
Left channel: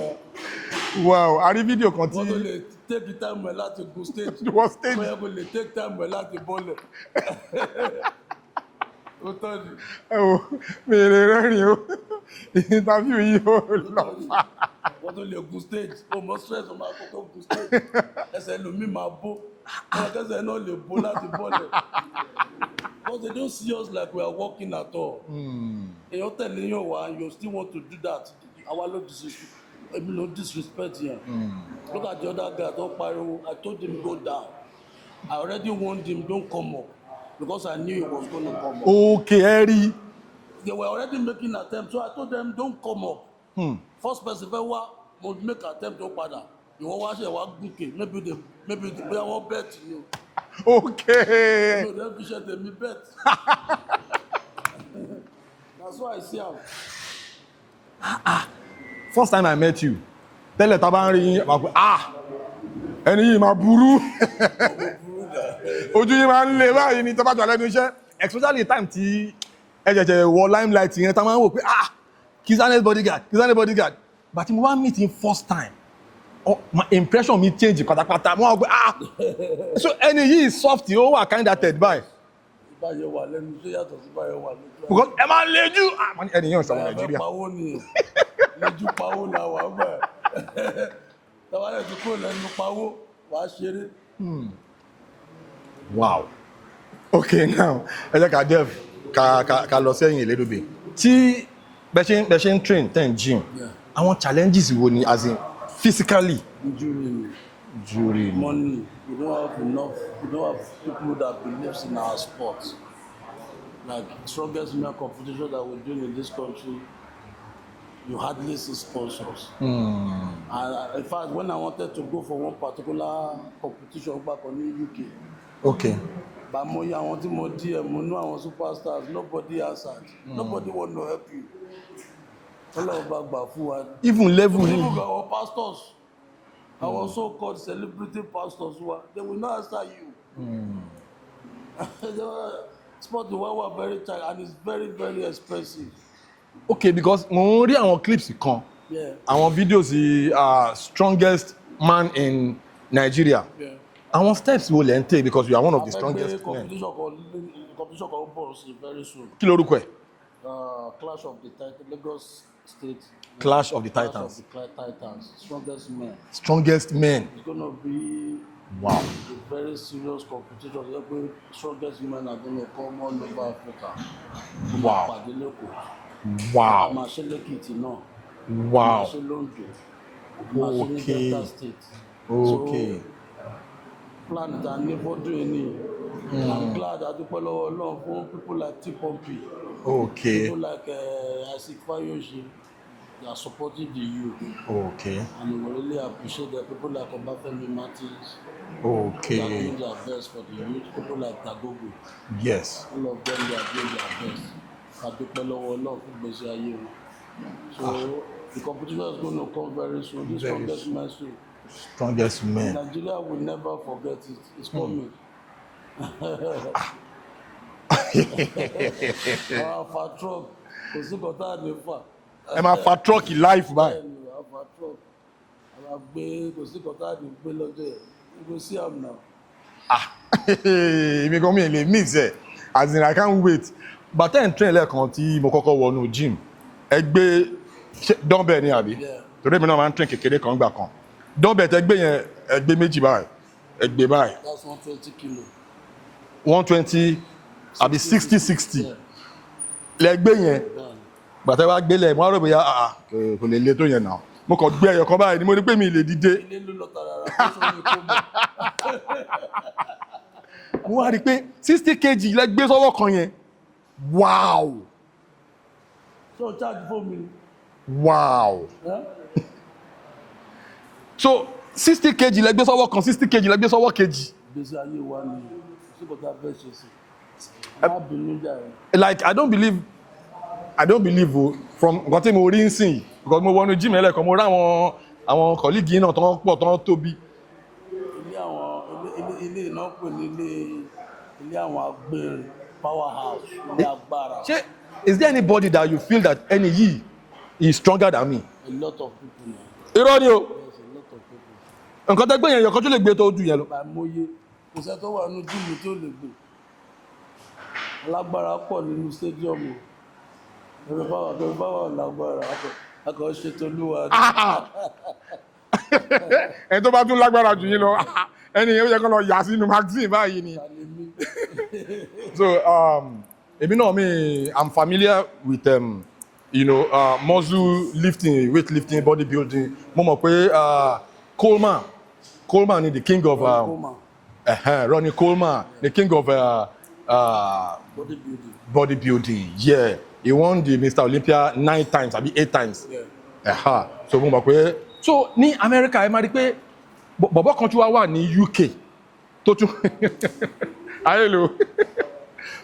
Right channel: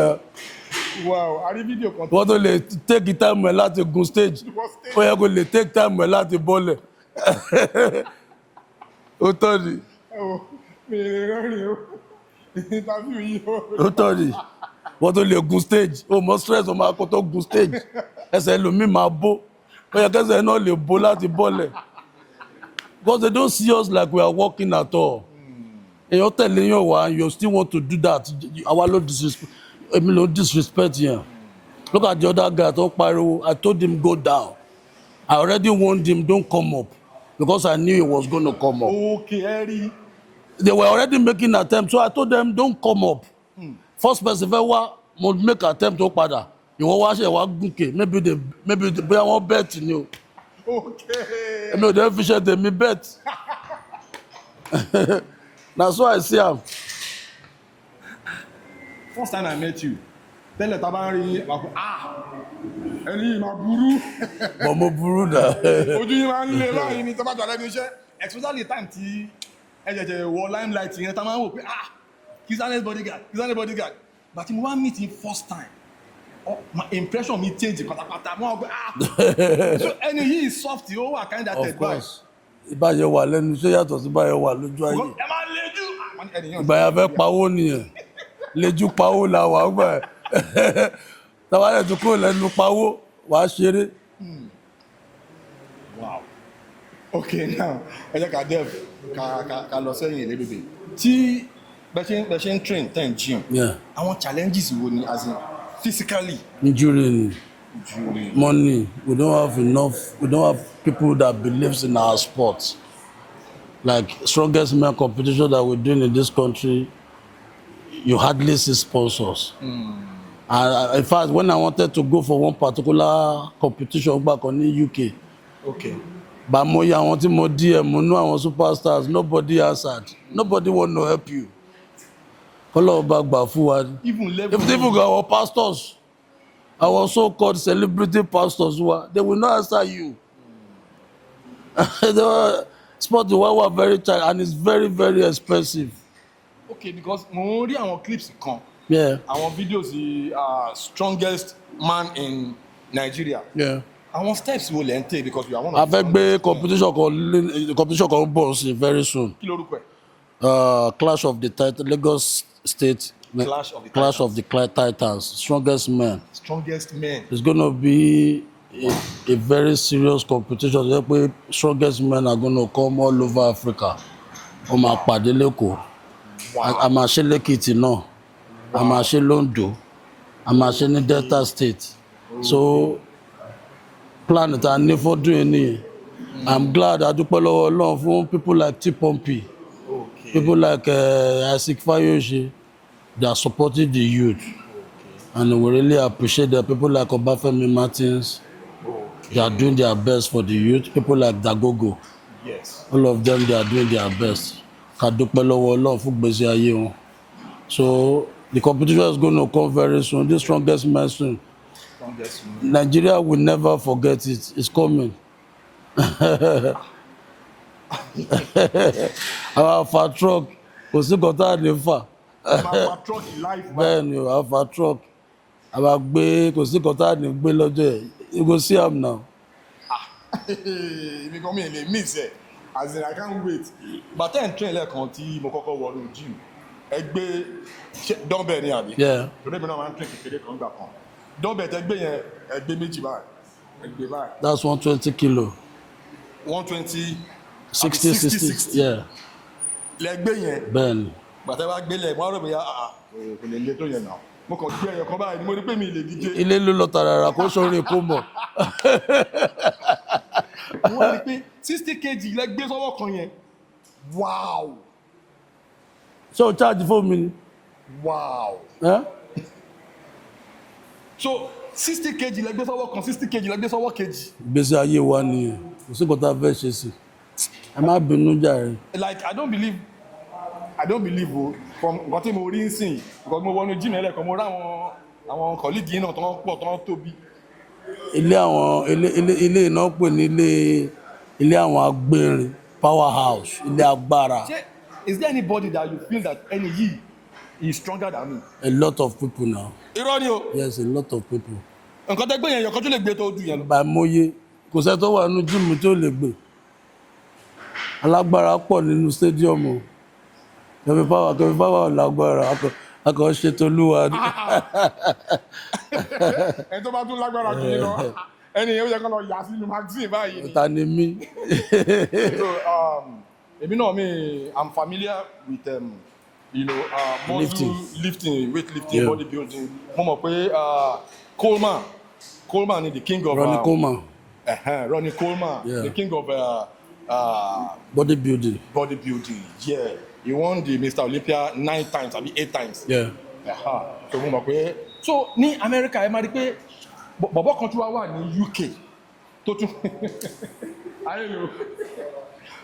Wow, I the video continue. Want to take the time well at the go stage. For you go take time well at the ball. Otoni. Oh, me interview you. Otoni. Want to go stage? Oh, more stress on my to go stage. Ese lomi ma bo. For you guys no le ball at the ball. Because they don't see us like we are working at all. And you're telling you why you still want to do that. Our Lord disrespect here. Look at the other guy. I told him go down. I already warned him don't come up because I knew he was going to come up. Okay, Eddie. They were already making attempts, so I told them don't come up. First person will make attempt to pada. You want to watch maybe they won't bet in you. Okay. No, they efficient they me bet. That's why I see him. First time I met you, tell the tabari, any ma buru. Mo buru da. Ojú yín máa ń le báyìí ní tọ́ba tó alẹ́ iṣẹ́. Especially time tí ẹ̀jẹ̀jẹ̀ wọ limelight yẹn tá máa ń wò pé Kizz Daniel's bodyguard. But mo wá meet him first time. Oh, my impression me change pátápátá. Mo wá pé so ẹni yìí soft ó wà kind hearted báyìí. Ìbáyẹ̀ wà lẹ́nu iṣẹ́ yàtọ̀ sí ìbáyẹ̀ wà lójú ayé. Because ẹ máa ń lejú. Ìbáyẹ̀ fẹ́ pawó nìyẹn. Lejú pawó la wà gbà ẹ̀. Tàbálẹ̀ tó kúrò lẹ́nu pawó wà á ṣeré. Wow. Okay, now ẹ jẹ́ ká Jeff ká lọ sẹ́yìn a little bit. Tí bẹ́ẹ̀ ṣe ń train ten gym. Àwọn challenges wo ni as in physically? Injury. Money. We don't have people that believes in our sport. Like strongest man competition that we're doing in this country, you hardly see sponsors. And in fact, when I wanted to go for one particular competition back on the UK, okay, but mo ya àwọn tí mo DM, mo know àwọn superstars, nobody answered. Nobody want to help you. Follow back by forward. Even our pastors, our so-called celebrity pastors, they will not answer you. Sport were very tight and it's very, very expensive. Okay, because mo rí àwọn clips kan. Yeah. Àwọn videos the strongest man in Nigeria. Yeah. Àwọn steps wo lẹ ń take because you are one of the strongest. Competition kan bọ̀ very soon. Kí lorúkọ ẹ̀? Clash of the Titans, Lagos State. Clash of the Titans. Strongest men. It's going to be a very serious competition. Strongest men are going to come all over Africa. Wow. I'm a ṣe Lekiti náà. I'm a ṣe Londo. I'm a ṣe ní Delta State. Okay. So plan it and for doing it. I'm glad I do follow along for people like T-Pompey. Okay. People like Isaac Fayoshi. They are supporting the youth. Okay. And we really appreciate that. People like Obafemi Martins. Okay. They are doing their best for the youth. People like Dagogo. Yes. All of them, they are doing their best. ká dúpẹ́ lọ́wọ́ Ọlọ́run fún gbèsè ayé wọn. So the competition is going to come very soon. The strongest man soon. Strongest man. Nigeria will never forget it. It's coming. Our far truck. Kò sí kọ́tà ní fà. Ẹ máa fa truck life ba. Bẹ́ẹ̀ni o, our far truck. Àwa gbé kò sí kọ́tà ní gbé lọ́jọ́ ẹ̀. You go see am now. Èmi kan mi lè mix ẹ̀. As in I can't wait. Bàtẹ́ ń train lẹ́ẹ̀kan tí mo kọ́kọ́ wọnú gym. Ẹ gbé dumbbell ni àbí? Torí èmi náà máa ń train kékeré kan gbà kan. Dumbbell tẹ gbé yẹn ẹ gbé méjì báyìí. Ẹ gbé báyìí. That's 120 kilo. 120 àbí 60. Lẹ gbé yẹn. Bẹ́ẹ̀ni. Bàtẹ́ wá gbélé mo á rò bóyá kò lè le tó yẹn náà. Mo kàn gbé ẹyọ kan báyìí ni mo ní pé mi lè dìde. Ilé ló lọ tàràrà kó sórí kó mọ̀. Mo wá rí i pé 60 kg lẹ gbé sọ́wọ́ kan yẹn. Wow! Ṣé o charge fún mi ni? Wow! So 60 kg lẹ gbé sọ́wọ́ kan, 60 kg lẹ gbé sọ́wọ́ kejì. Ìgbésí ayé wa ni kò sí kọ́tà fẹ́ ṣe sí. Ẹ má bínú jàre. Like I don't believe o from nǹkan tí mo rí ń sìn because mo wọnú gym ẹlẹ́kan mo rí àwọn colleague náà tó ń pọ̀ tó ń tóbi. Ilé iná pè ní ilé àwọn agbérin powerhouse ilé agbára. Is there anybody that you feel that ẹni yìí is stronger than me? A lot of people now. Irọ́ ni o. Yes, a lot of people. Nǹkan tẹ́ gbé yẹn yọ̀kan tó lè gbé tó ju yẹn lọ. Bàmọ́yé kò sẹ́ tó wà nínú gym tó lè gbé. Alágbára pọ̀ nínú stadium o. Kẹfì power lágbára akọ̀ ṣe tolúwa ni. Ẹni tó bá tún lágbára jù yín lọ ẹni yẹn ó yẹ kó lọ yà sínú magazine báyìí ni. Ta ni mí. So èmi náà I'm familiar with muscle lifting, weight lifting, bodybuilding. Mo mọ̀ pé Coleman is the king of Ronnie Coleman. Ronnie Coleman, the king of bodybuilding. Yeah. He won the Mr. Olympia 9 times, àbí 8 times. Yeah. So mo mọ̀ pé so ní America ẹ máa rí pé bọ̀bọ̀ kan tí wá wà ní UK tó tún ayélo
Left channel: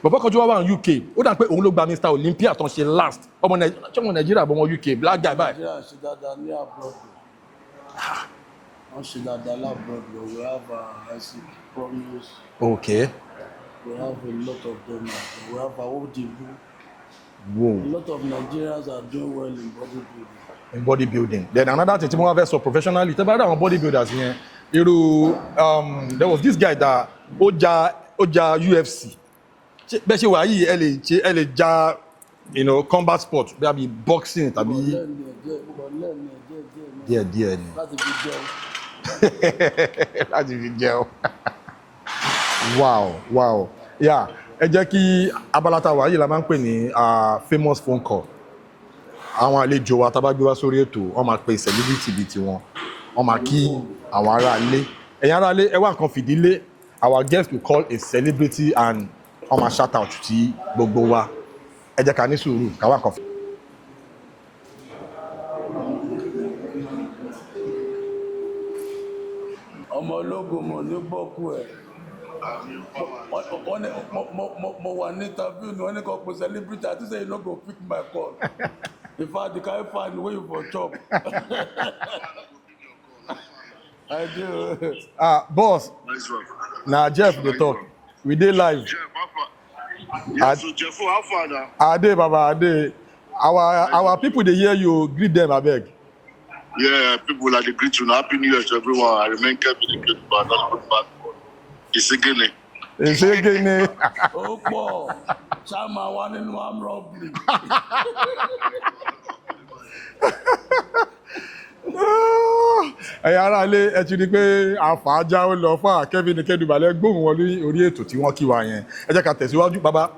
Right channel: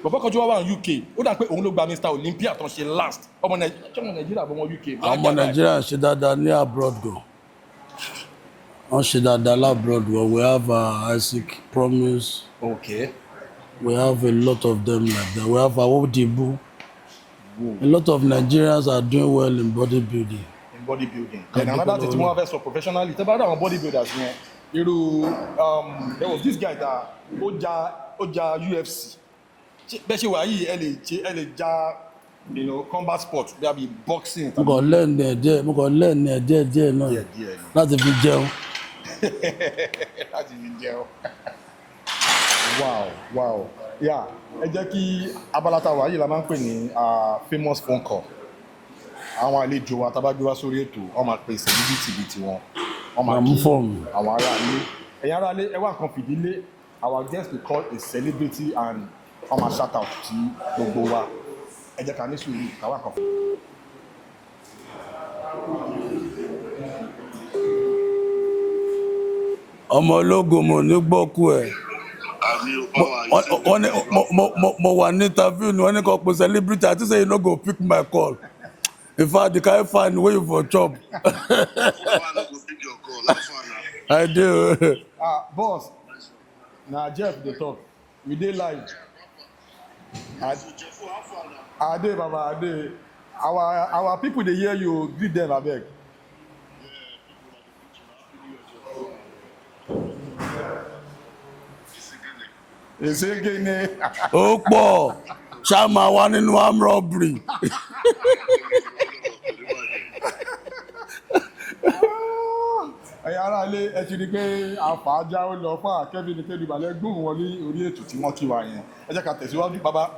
bọ̀bọ̀ kan tí wá wà ní UK ó dà pé òun ló gba Mr. Olympia tó ń ṣe last ọmọ Nàìjíríà bọ̀ wọn UK. Ọmọ Nàìjíríà ṣe dáadáa ní abroad gan. Wọ́n ṣe dáadáa l'abroad gan. We have Isaac Promise. Okay. We have a lot of them like that. We have Awodibu. Whoa. A lot of Nigerians are doing well in bodybuilding. Then another thing, more so professionally. Tell me about bodybuilders here. There was this guy that Oja UFC. Bẹ́ẹ̀ ṣe wà yìí ẹ lè ja combat sport bí boxing tàbí. Mo kàn learn díẹ̀ náà. Díẹ̀ ni. Láti fi jẹun. Láti fi jẹun. Wow. Yeah. Ẹ jẹ́ kí abala tá a wà yìí la máa ń pè ní famous phone call. Àwọn àlejò wa tá bá gbé wá sórí ètò wọ́n máa pe celebrity bíi tiwọn. Wọ́n máa kí àwọn ará ilé. Ẹ̀yin ará ilé ẹ wá nǹkan fìdílé. Our guest will call a celebrity and wọ́n máa shout out sí gbogbo wa. Ẹ jẹ́ ká ní sùúrù ká wá nǹkan fìdílé. Ọmọ ológun mo ní gbọ́kú ẹ̀. Mo wà ní interview ni wọ́n ní kò pe celebrity àti say you no go pick my call. In fact, the kind find way for chop. I do. Boss. Now Jeff dey talk. We dey live. Yes, so Jeff, how far now? Ade Baba, Ade. Our people dey hear you. Greet them, abeg. Yeah, people like the greet you. Happy New Year to everyone. I remain Kevin, but I'm not looking back. Ìsígìnì. Ó pọ̀ ṣá máa wá nínú arm robbery. Ẹ̀yin ará ilé ẹ ti rí pé àfàájá ó lọ fún Kevin Kedubale gbóhùn wọn orí ètò tí wọ́n kí wa yẹn. Ẹ jẹ́ ká tẹ̀síwájú bàbá.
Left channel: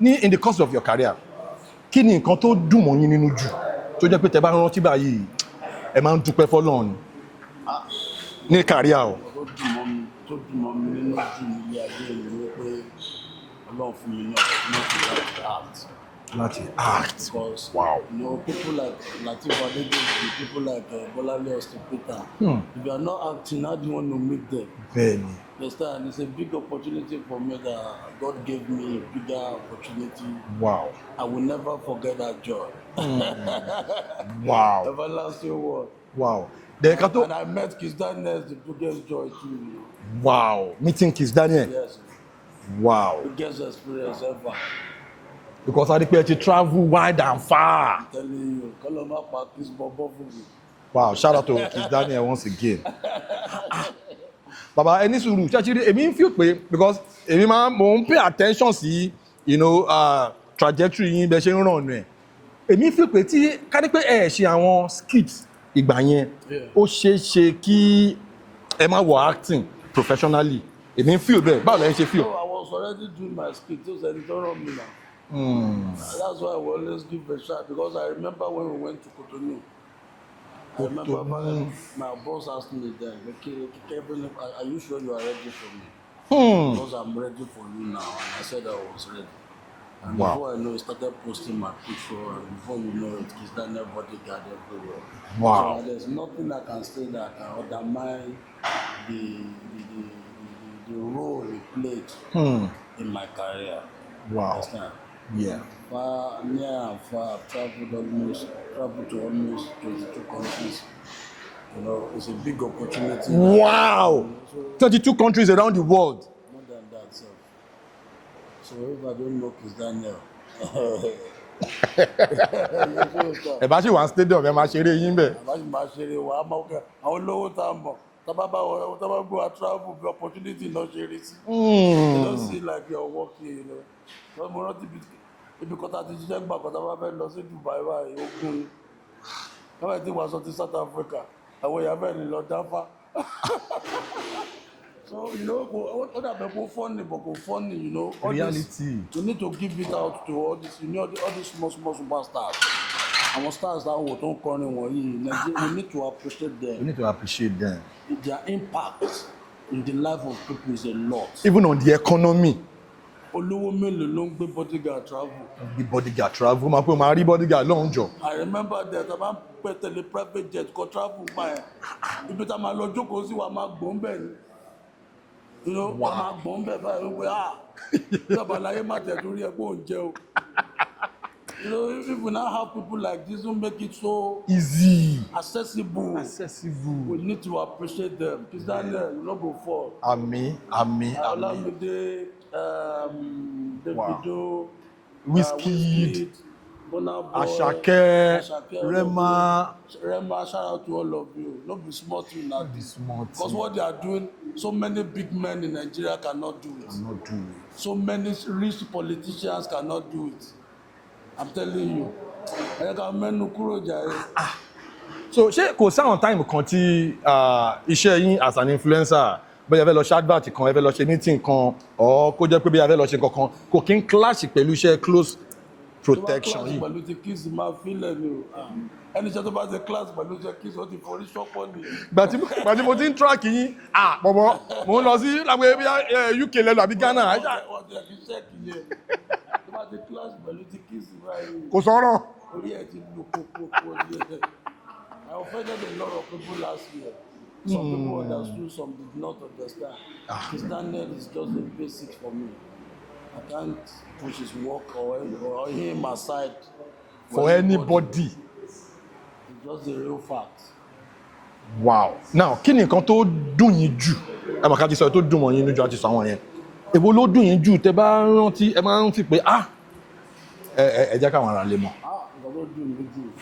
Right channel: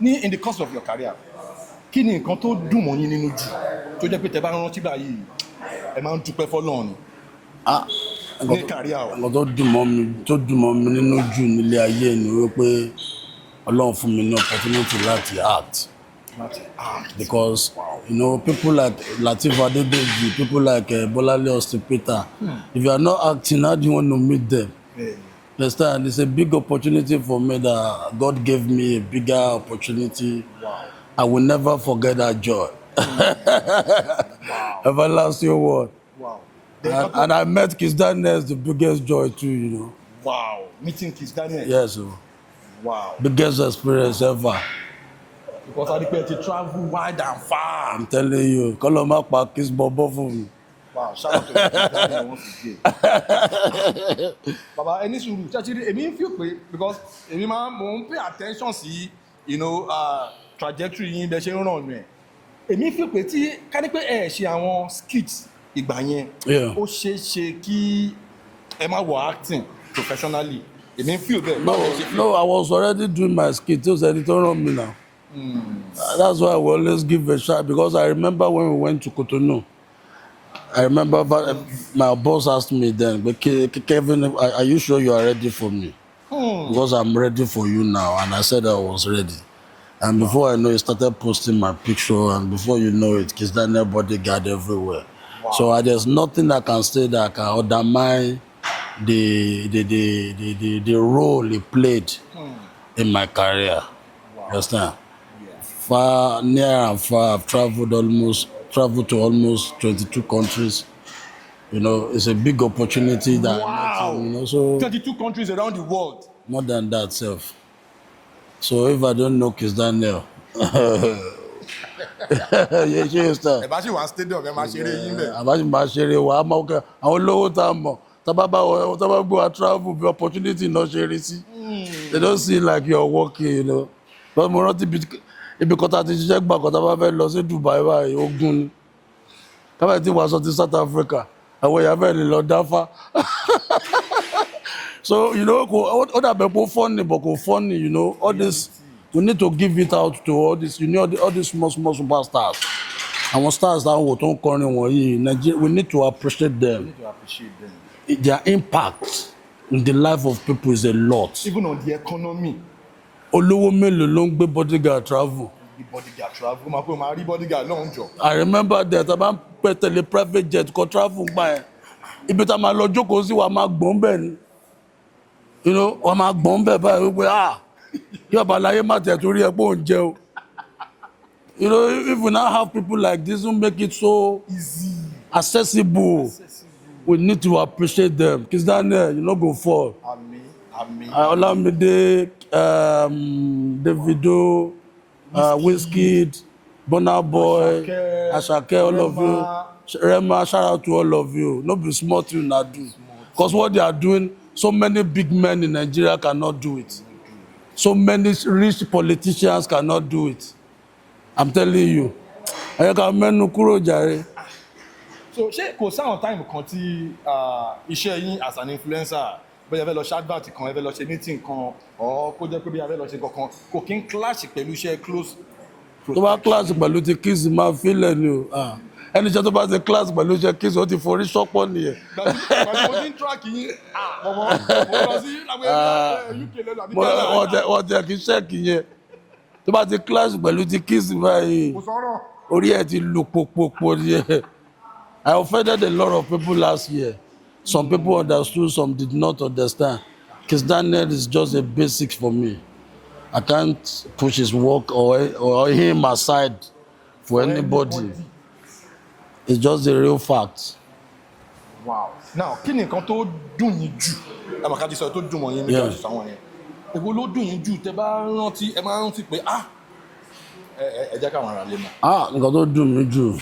In the course of your career, kí ni nǹkan tó dùn mọ́ yín nínú jù tó jẹ́ pé tẹ́ bá rántí báyìí ẹ máa ń dúpẹ́ f'Ọlọ́run ni? Ní career o. Nǹkan tó dùn mọ́ mi nínú jù nílé ayé ni wípé Ọlọ́run fún mi ní opportunity láti act. Because people like Lateef Adédèjì, people like Bolale Austin Peter, if you are not acting, how do you want to meet them? It's a big opportunity for me that God gave me a bigger opportunity. Wow. I will never forget that joy. Wow. Everlasting word. Wow. And I met Kizz Daniel, the biggest joy too, you know. Wow. Meeting Kizz Daniel? Yes. Wow. Biggest experience ever. Because I think you travel wide and far. I'm telling you, Koloma pa Kizz Bobo for me. Wow, shout out to Kizz Daniel once again. Baba, any suru, actually, I mean, feel pay because I mean, mom pay attention see, you know, trajectory in the chain run. I mean, feel pay tí ká ní pé ṣe àwọn skits ìgbà yẹn. Ó ṣe kí ẹ má wọ acting professionally. I mean, feel there. No, I was already doing my skits. Just any turn on me now. That's why I will always give a shot because I remember when we went to Cotonou. I remember my boss asked me then, but Kevin, are you sure you are ready for me? Because I'm ready for you now. And I said I was ready. And before I know it, started posting my picture. And before you know it, Kizz Daniel bodyguard everywhere. Wow. So there's nothing I can say that can undermine the role he played in my career. Wow. Understand? Yeah. Far, near and far, I've traveled to almost 22 countries. You know, it's a big opportunity. Wow! You know, so 32 countries around the world. More than that, self. So if I don't know Kizz Daniel, yeah, she understand. If I see one stadium, I'm ṣeré yín bẹ̀. I'm ṣeré wa, I'm okay. Àwọn olówó tá mọ̀. Tábà go and travel, the opportunity not share it. They don't see like you're working, you know. But mo rántí ibi kọta ti ṣiṣẹ́ gbà kọta bá fẹ́ lọ sí Dubai báyìí ogun ni. Kábàá tí wàá sọ ti South Africa, àwọn èèyàn fẹ́ lè lọ dáfá. So, you know, all that people funny, but funny, you know, all this, we need to give it out to all this, you know, all these small superstars. Our stars that we don't call them, we need to appreciate them. We need to appreciate them. Their impact in the life of people is a lot. Even on the economy. Olówó mélòó ló ń gbé bodyguard travel. The bodyguard travel, máa rí bodyguard lóhùn jọ. I remember that I bá ń pẹ́ tẹ̀lé private jet kọ travel gbà ẹ̀. Ibi tá a máa lọ jókòó sí wa máa gbọ́n bẹ́ẹ̀ ni. You know, wa máa gbọ́n bẹ́ẹ̀ báyìí wípé yọ̀bá láyé má tẹ̀ torí ẹ̀ pé òun jẹ́ o. You know, if we now have people like this who make it so easy, accessible, we need to appreciate them. Kizz Daniel, you no go fall. Àmín. Olamide, Davido, Wizkid, Burna Boy, Asake, all of you. Rema, shout out to all of you. No be small thing na do. Because what they are doing, so many big men in Nigeria cannot do it. So many rich politicians cannot do it. I'm telling you. I can menu kúrò jàre. So ṣé kò sáwọn time kan tí iṣẹ́ yín as an influencer bóyá fẹ́ lọ ṣe advert kan ẹ fẹ́ lọ ṣe meeting kan or kó jẹ́ pé bí a fẹ́ lọ ṣe kankan kò kí n clash pẹ̀lú iṣẹ́ close protection. Tó bá clash pẹ̀lú ti Kizz máa fílẹ̀ ni o. Ẹni iṣẹ́ tó bá ti clash pẹ̀lú iṣẹ́ Kizz ó ti forí ṣọ́pọ̀ nìyẹn. Gbàtí mo ti ń track yín mo lọ sí láwọn UK lẹ́nu àbí Ghana. Wọ́n tẹ̀ kí ṣẹ́ẹ̀kì yẹn. Tó bá ti clash pẹ̀lú ti Kizz báyìí. Kò sọ̀rọ̀. Orí ẹ̀ ti lù pòpòpò nìyẹn. I offended a lot of people last year. Some people understood, some did not understand. Kizz Daniel is just a basic for me. I can't push his work or him aside for anybody. It's just a real fact. Wow. Now, kí ni nǹkan tó dùn yín jù? Ẹ máa ká ti sọ tó dùn wọ́n yín níjọ́ àti sàwọn yẹn. Èwo ló dùn yín jù tẹ́ bá rántí ẹ máa ń fi pé ẹ jẹ́ káwọn ará lè mọ̀. Nǹkan tó dùn mí jù.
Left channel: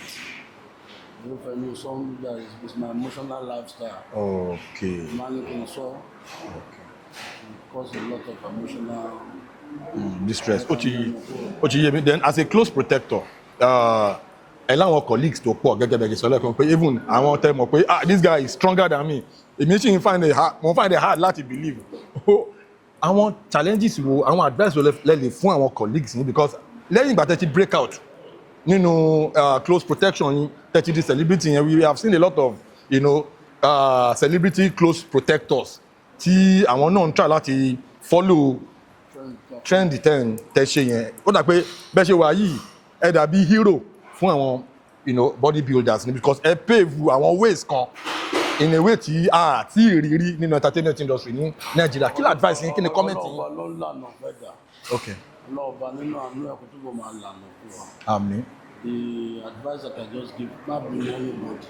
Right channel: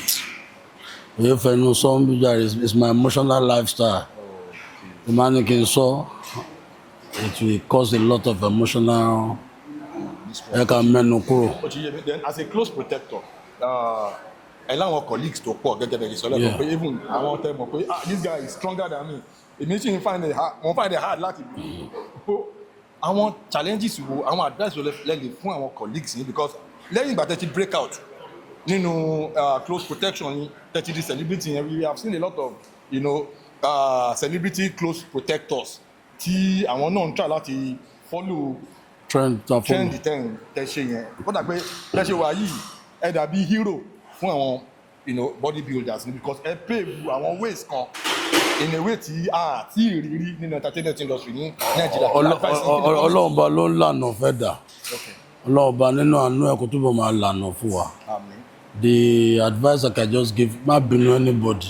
If I know some it's my emotional lifestyle. Okay. The man can saw it will cause a lot of emotional distress. Then as a close protector, and our colleagues to pọ̀ gẹ́gẹ́ bẹ́ẹ̀ sọ lẹ́kọ̀ọ́ even àwọn tẹ́ mọ̀ pé this guy is stronger than me. Èmi sì find it hard láti believe. Àwọn challenges wo àwọn advice wo lè fún àwọn colleagues yín because lẹ́yìn ìgbà tẹ́ ti break out nínú close protection tẹ́tí di celebrity yẹn we have seen a lot of celebrity close protectors tí àwọn náà ń try láti follow trend tẹ́ ṣe yẹn ó dà pé bẹ́ẹ̀ ṣe wà yìí ẹ dàbí hero fún àwọn bodybuilders ni because ẹ pave àwọn ways kan in a way tí a ti rírí nínú entertainment industry ní Nàìjíríà kí ni advice yín kí ni comment. Ọlọ́run bá ló ń lànà fẹ́ dà. Ọlọ́run bá nínú àánú ẹ̀ kó túbọ̀ máa lànà fún wa. Àmín. The advice I can just give, má bínú anybody.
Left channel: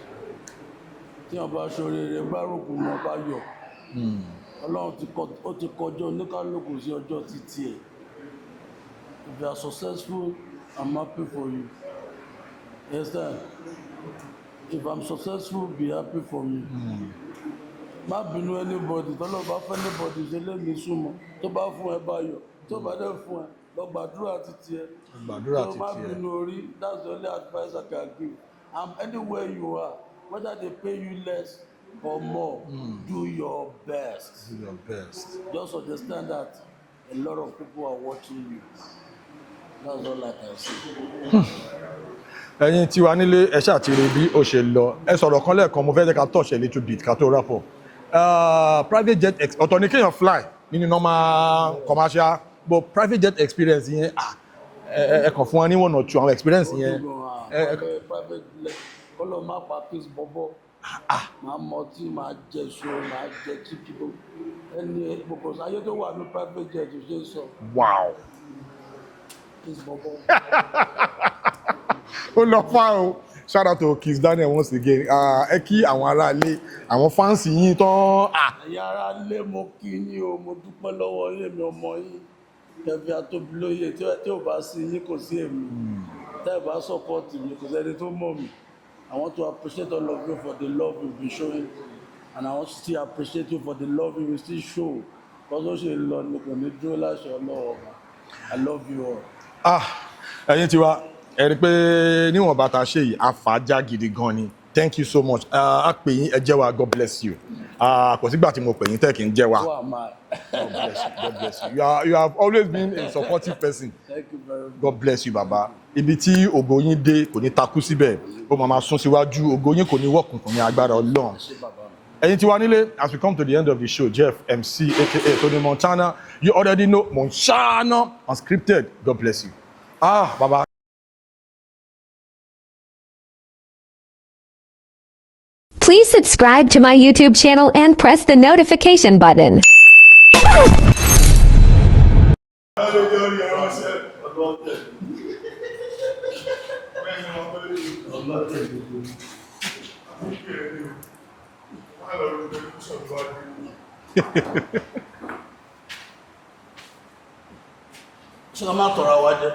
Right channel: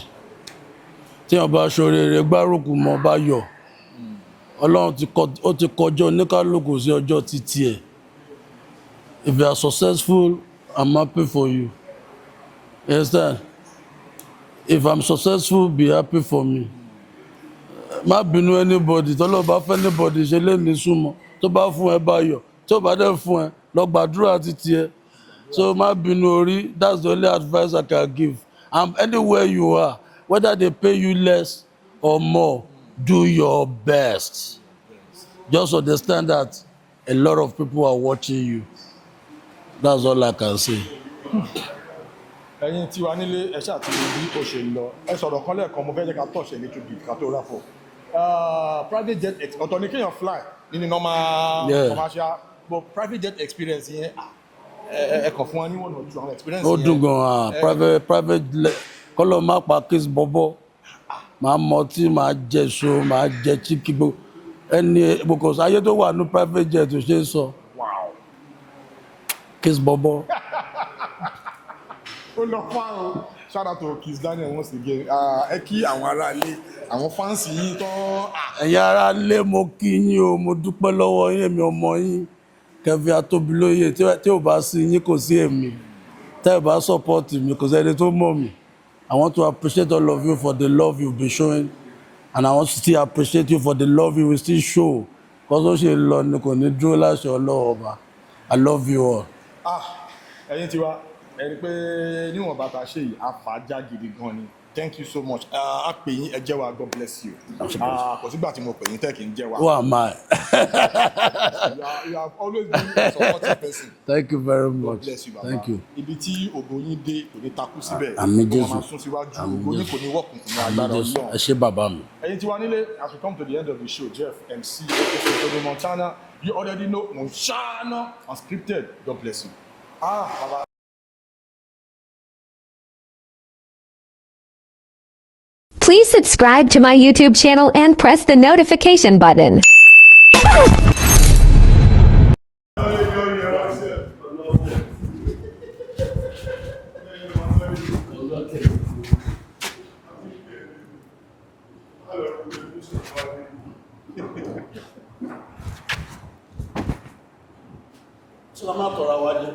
Tí wọ́n bá ṣoríire gbárùkù mọ́ bá yọ̀. Ọlọ́run ti kọjọ́ oníkálùkù sí ọjọ́ títí ẹ̀. If you are successful, I'm happy for you. You understand? If I'm successful, be happy for me. Má bínú anybody. Tọ́lọ́ bá fẹ́ anybody ṣe lé ní súnmọ́. Tó bá fún ẹ bá yọ̀. Tó bá dẹ̀ fún ẹ, lọ gbàdúrà títí ẹ. So má bínú orí. That's the only advice I can give. And anywhere you are, whether they pay you less or more, do your best. Just understand that a lot of people are watching you. That's all I can say. Ẹ̀yin tí wà nílé ẹ ṣáà ti rí bí ó ṣe lọ. Ẹ sọ̀rọ̀ kan lẹ́ẹ̀kan mo fẹ́ jẹ́ ká touch a little bit ká tó wrap up. Private jet ọ̀tọ̀ ni kéèyàn fly nínú normal commercial but private jet experience yẹn ẹ kàn fún wa ní one or two àwọn experience yẹn. Ó dùn gan-an private kọ́lọ́ má pa Kizz bọ́bọ́ máa mọtí máa jẹ so máa jẹ chicken gbogbo ẹni because ayé tó wà ní private jet ò ṣe é sọ. Wow. Kizz bọ́bọ́. Ó lọ fà o. Shout out to Kizz Daniel once again. Ẹ kí àwọn ará ilé àwọn fans yín tán. Ẹ̀yin ará ilé mo kí yín o mo dúpẹ́ lọ́wọ́ yín èmi ọmọ yín Kevin Atobilóye tí ò bá sí yín kò sí èmi tẹ́ ẹ bá support mi kò sẹ́ni tó mọ̀ mí. I want to appreciate all of you for the love you've been showing and I want to still appreciate you for the love you will still show because ó ṣe lọ ní kò ní dúró láṣẹ Ọlọ́run ọba. I love you all. Ẹ̀yin tiwa ẹ rí pé níwọ̀n bàtà ṣe yìí àfàájà gidi gan ni. Thank you so much. A pè yín ẹ jẹ́ wa God bless you. Kò sígbà tí mo pè yín tẹ́ kí n jẹ́ wa. Who am I? You have always been a supportive person. Thank you very much. God bless you baba. Thank you. Ibi tí ògo yín dé kò ní takú síbẹ̀. Ó máa sún síwájú ògo yín kò ní wọ̀kùnkùn ní agbára Ọlọ́run. Ẹ ṣé bàbá mi. Ẹ̀yin tiwa nílé as we come to the end of the show Jeff MC aka Tony Montana you already know Montana Unscripted. God bless you. Baba. Please subscribe to my YouTube channel and press the notification button. Ṣé ká má tọrọ wa jẹ?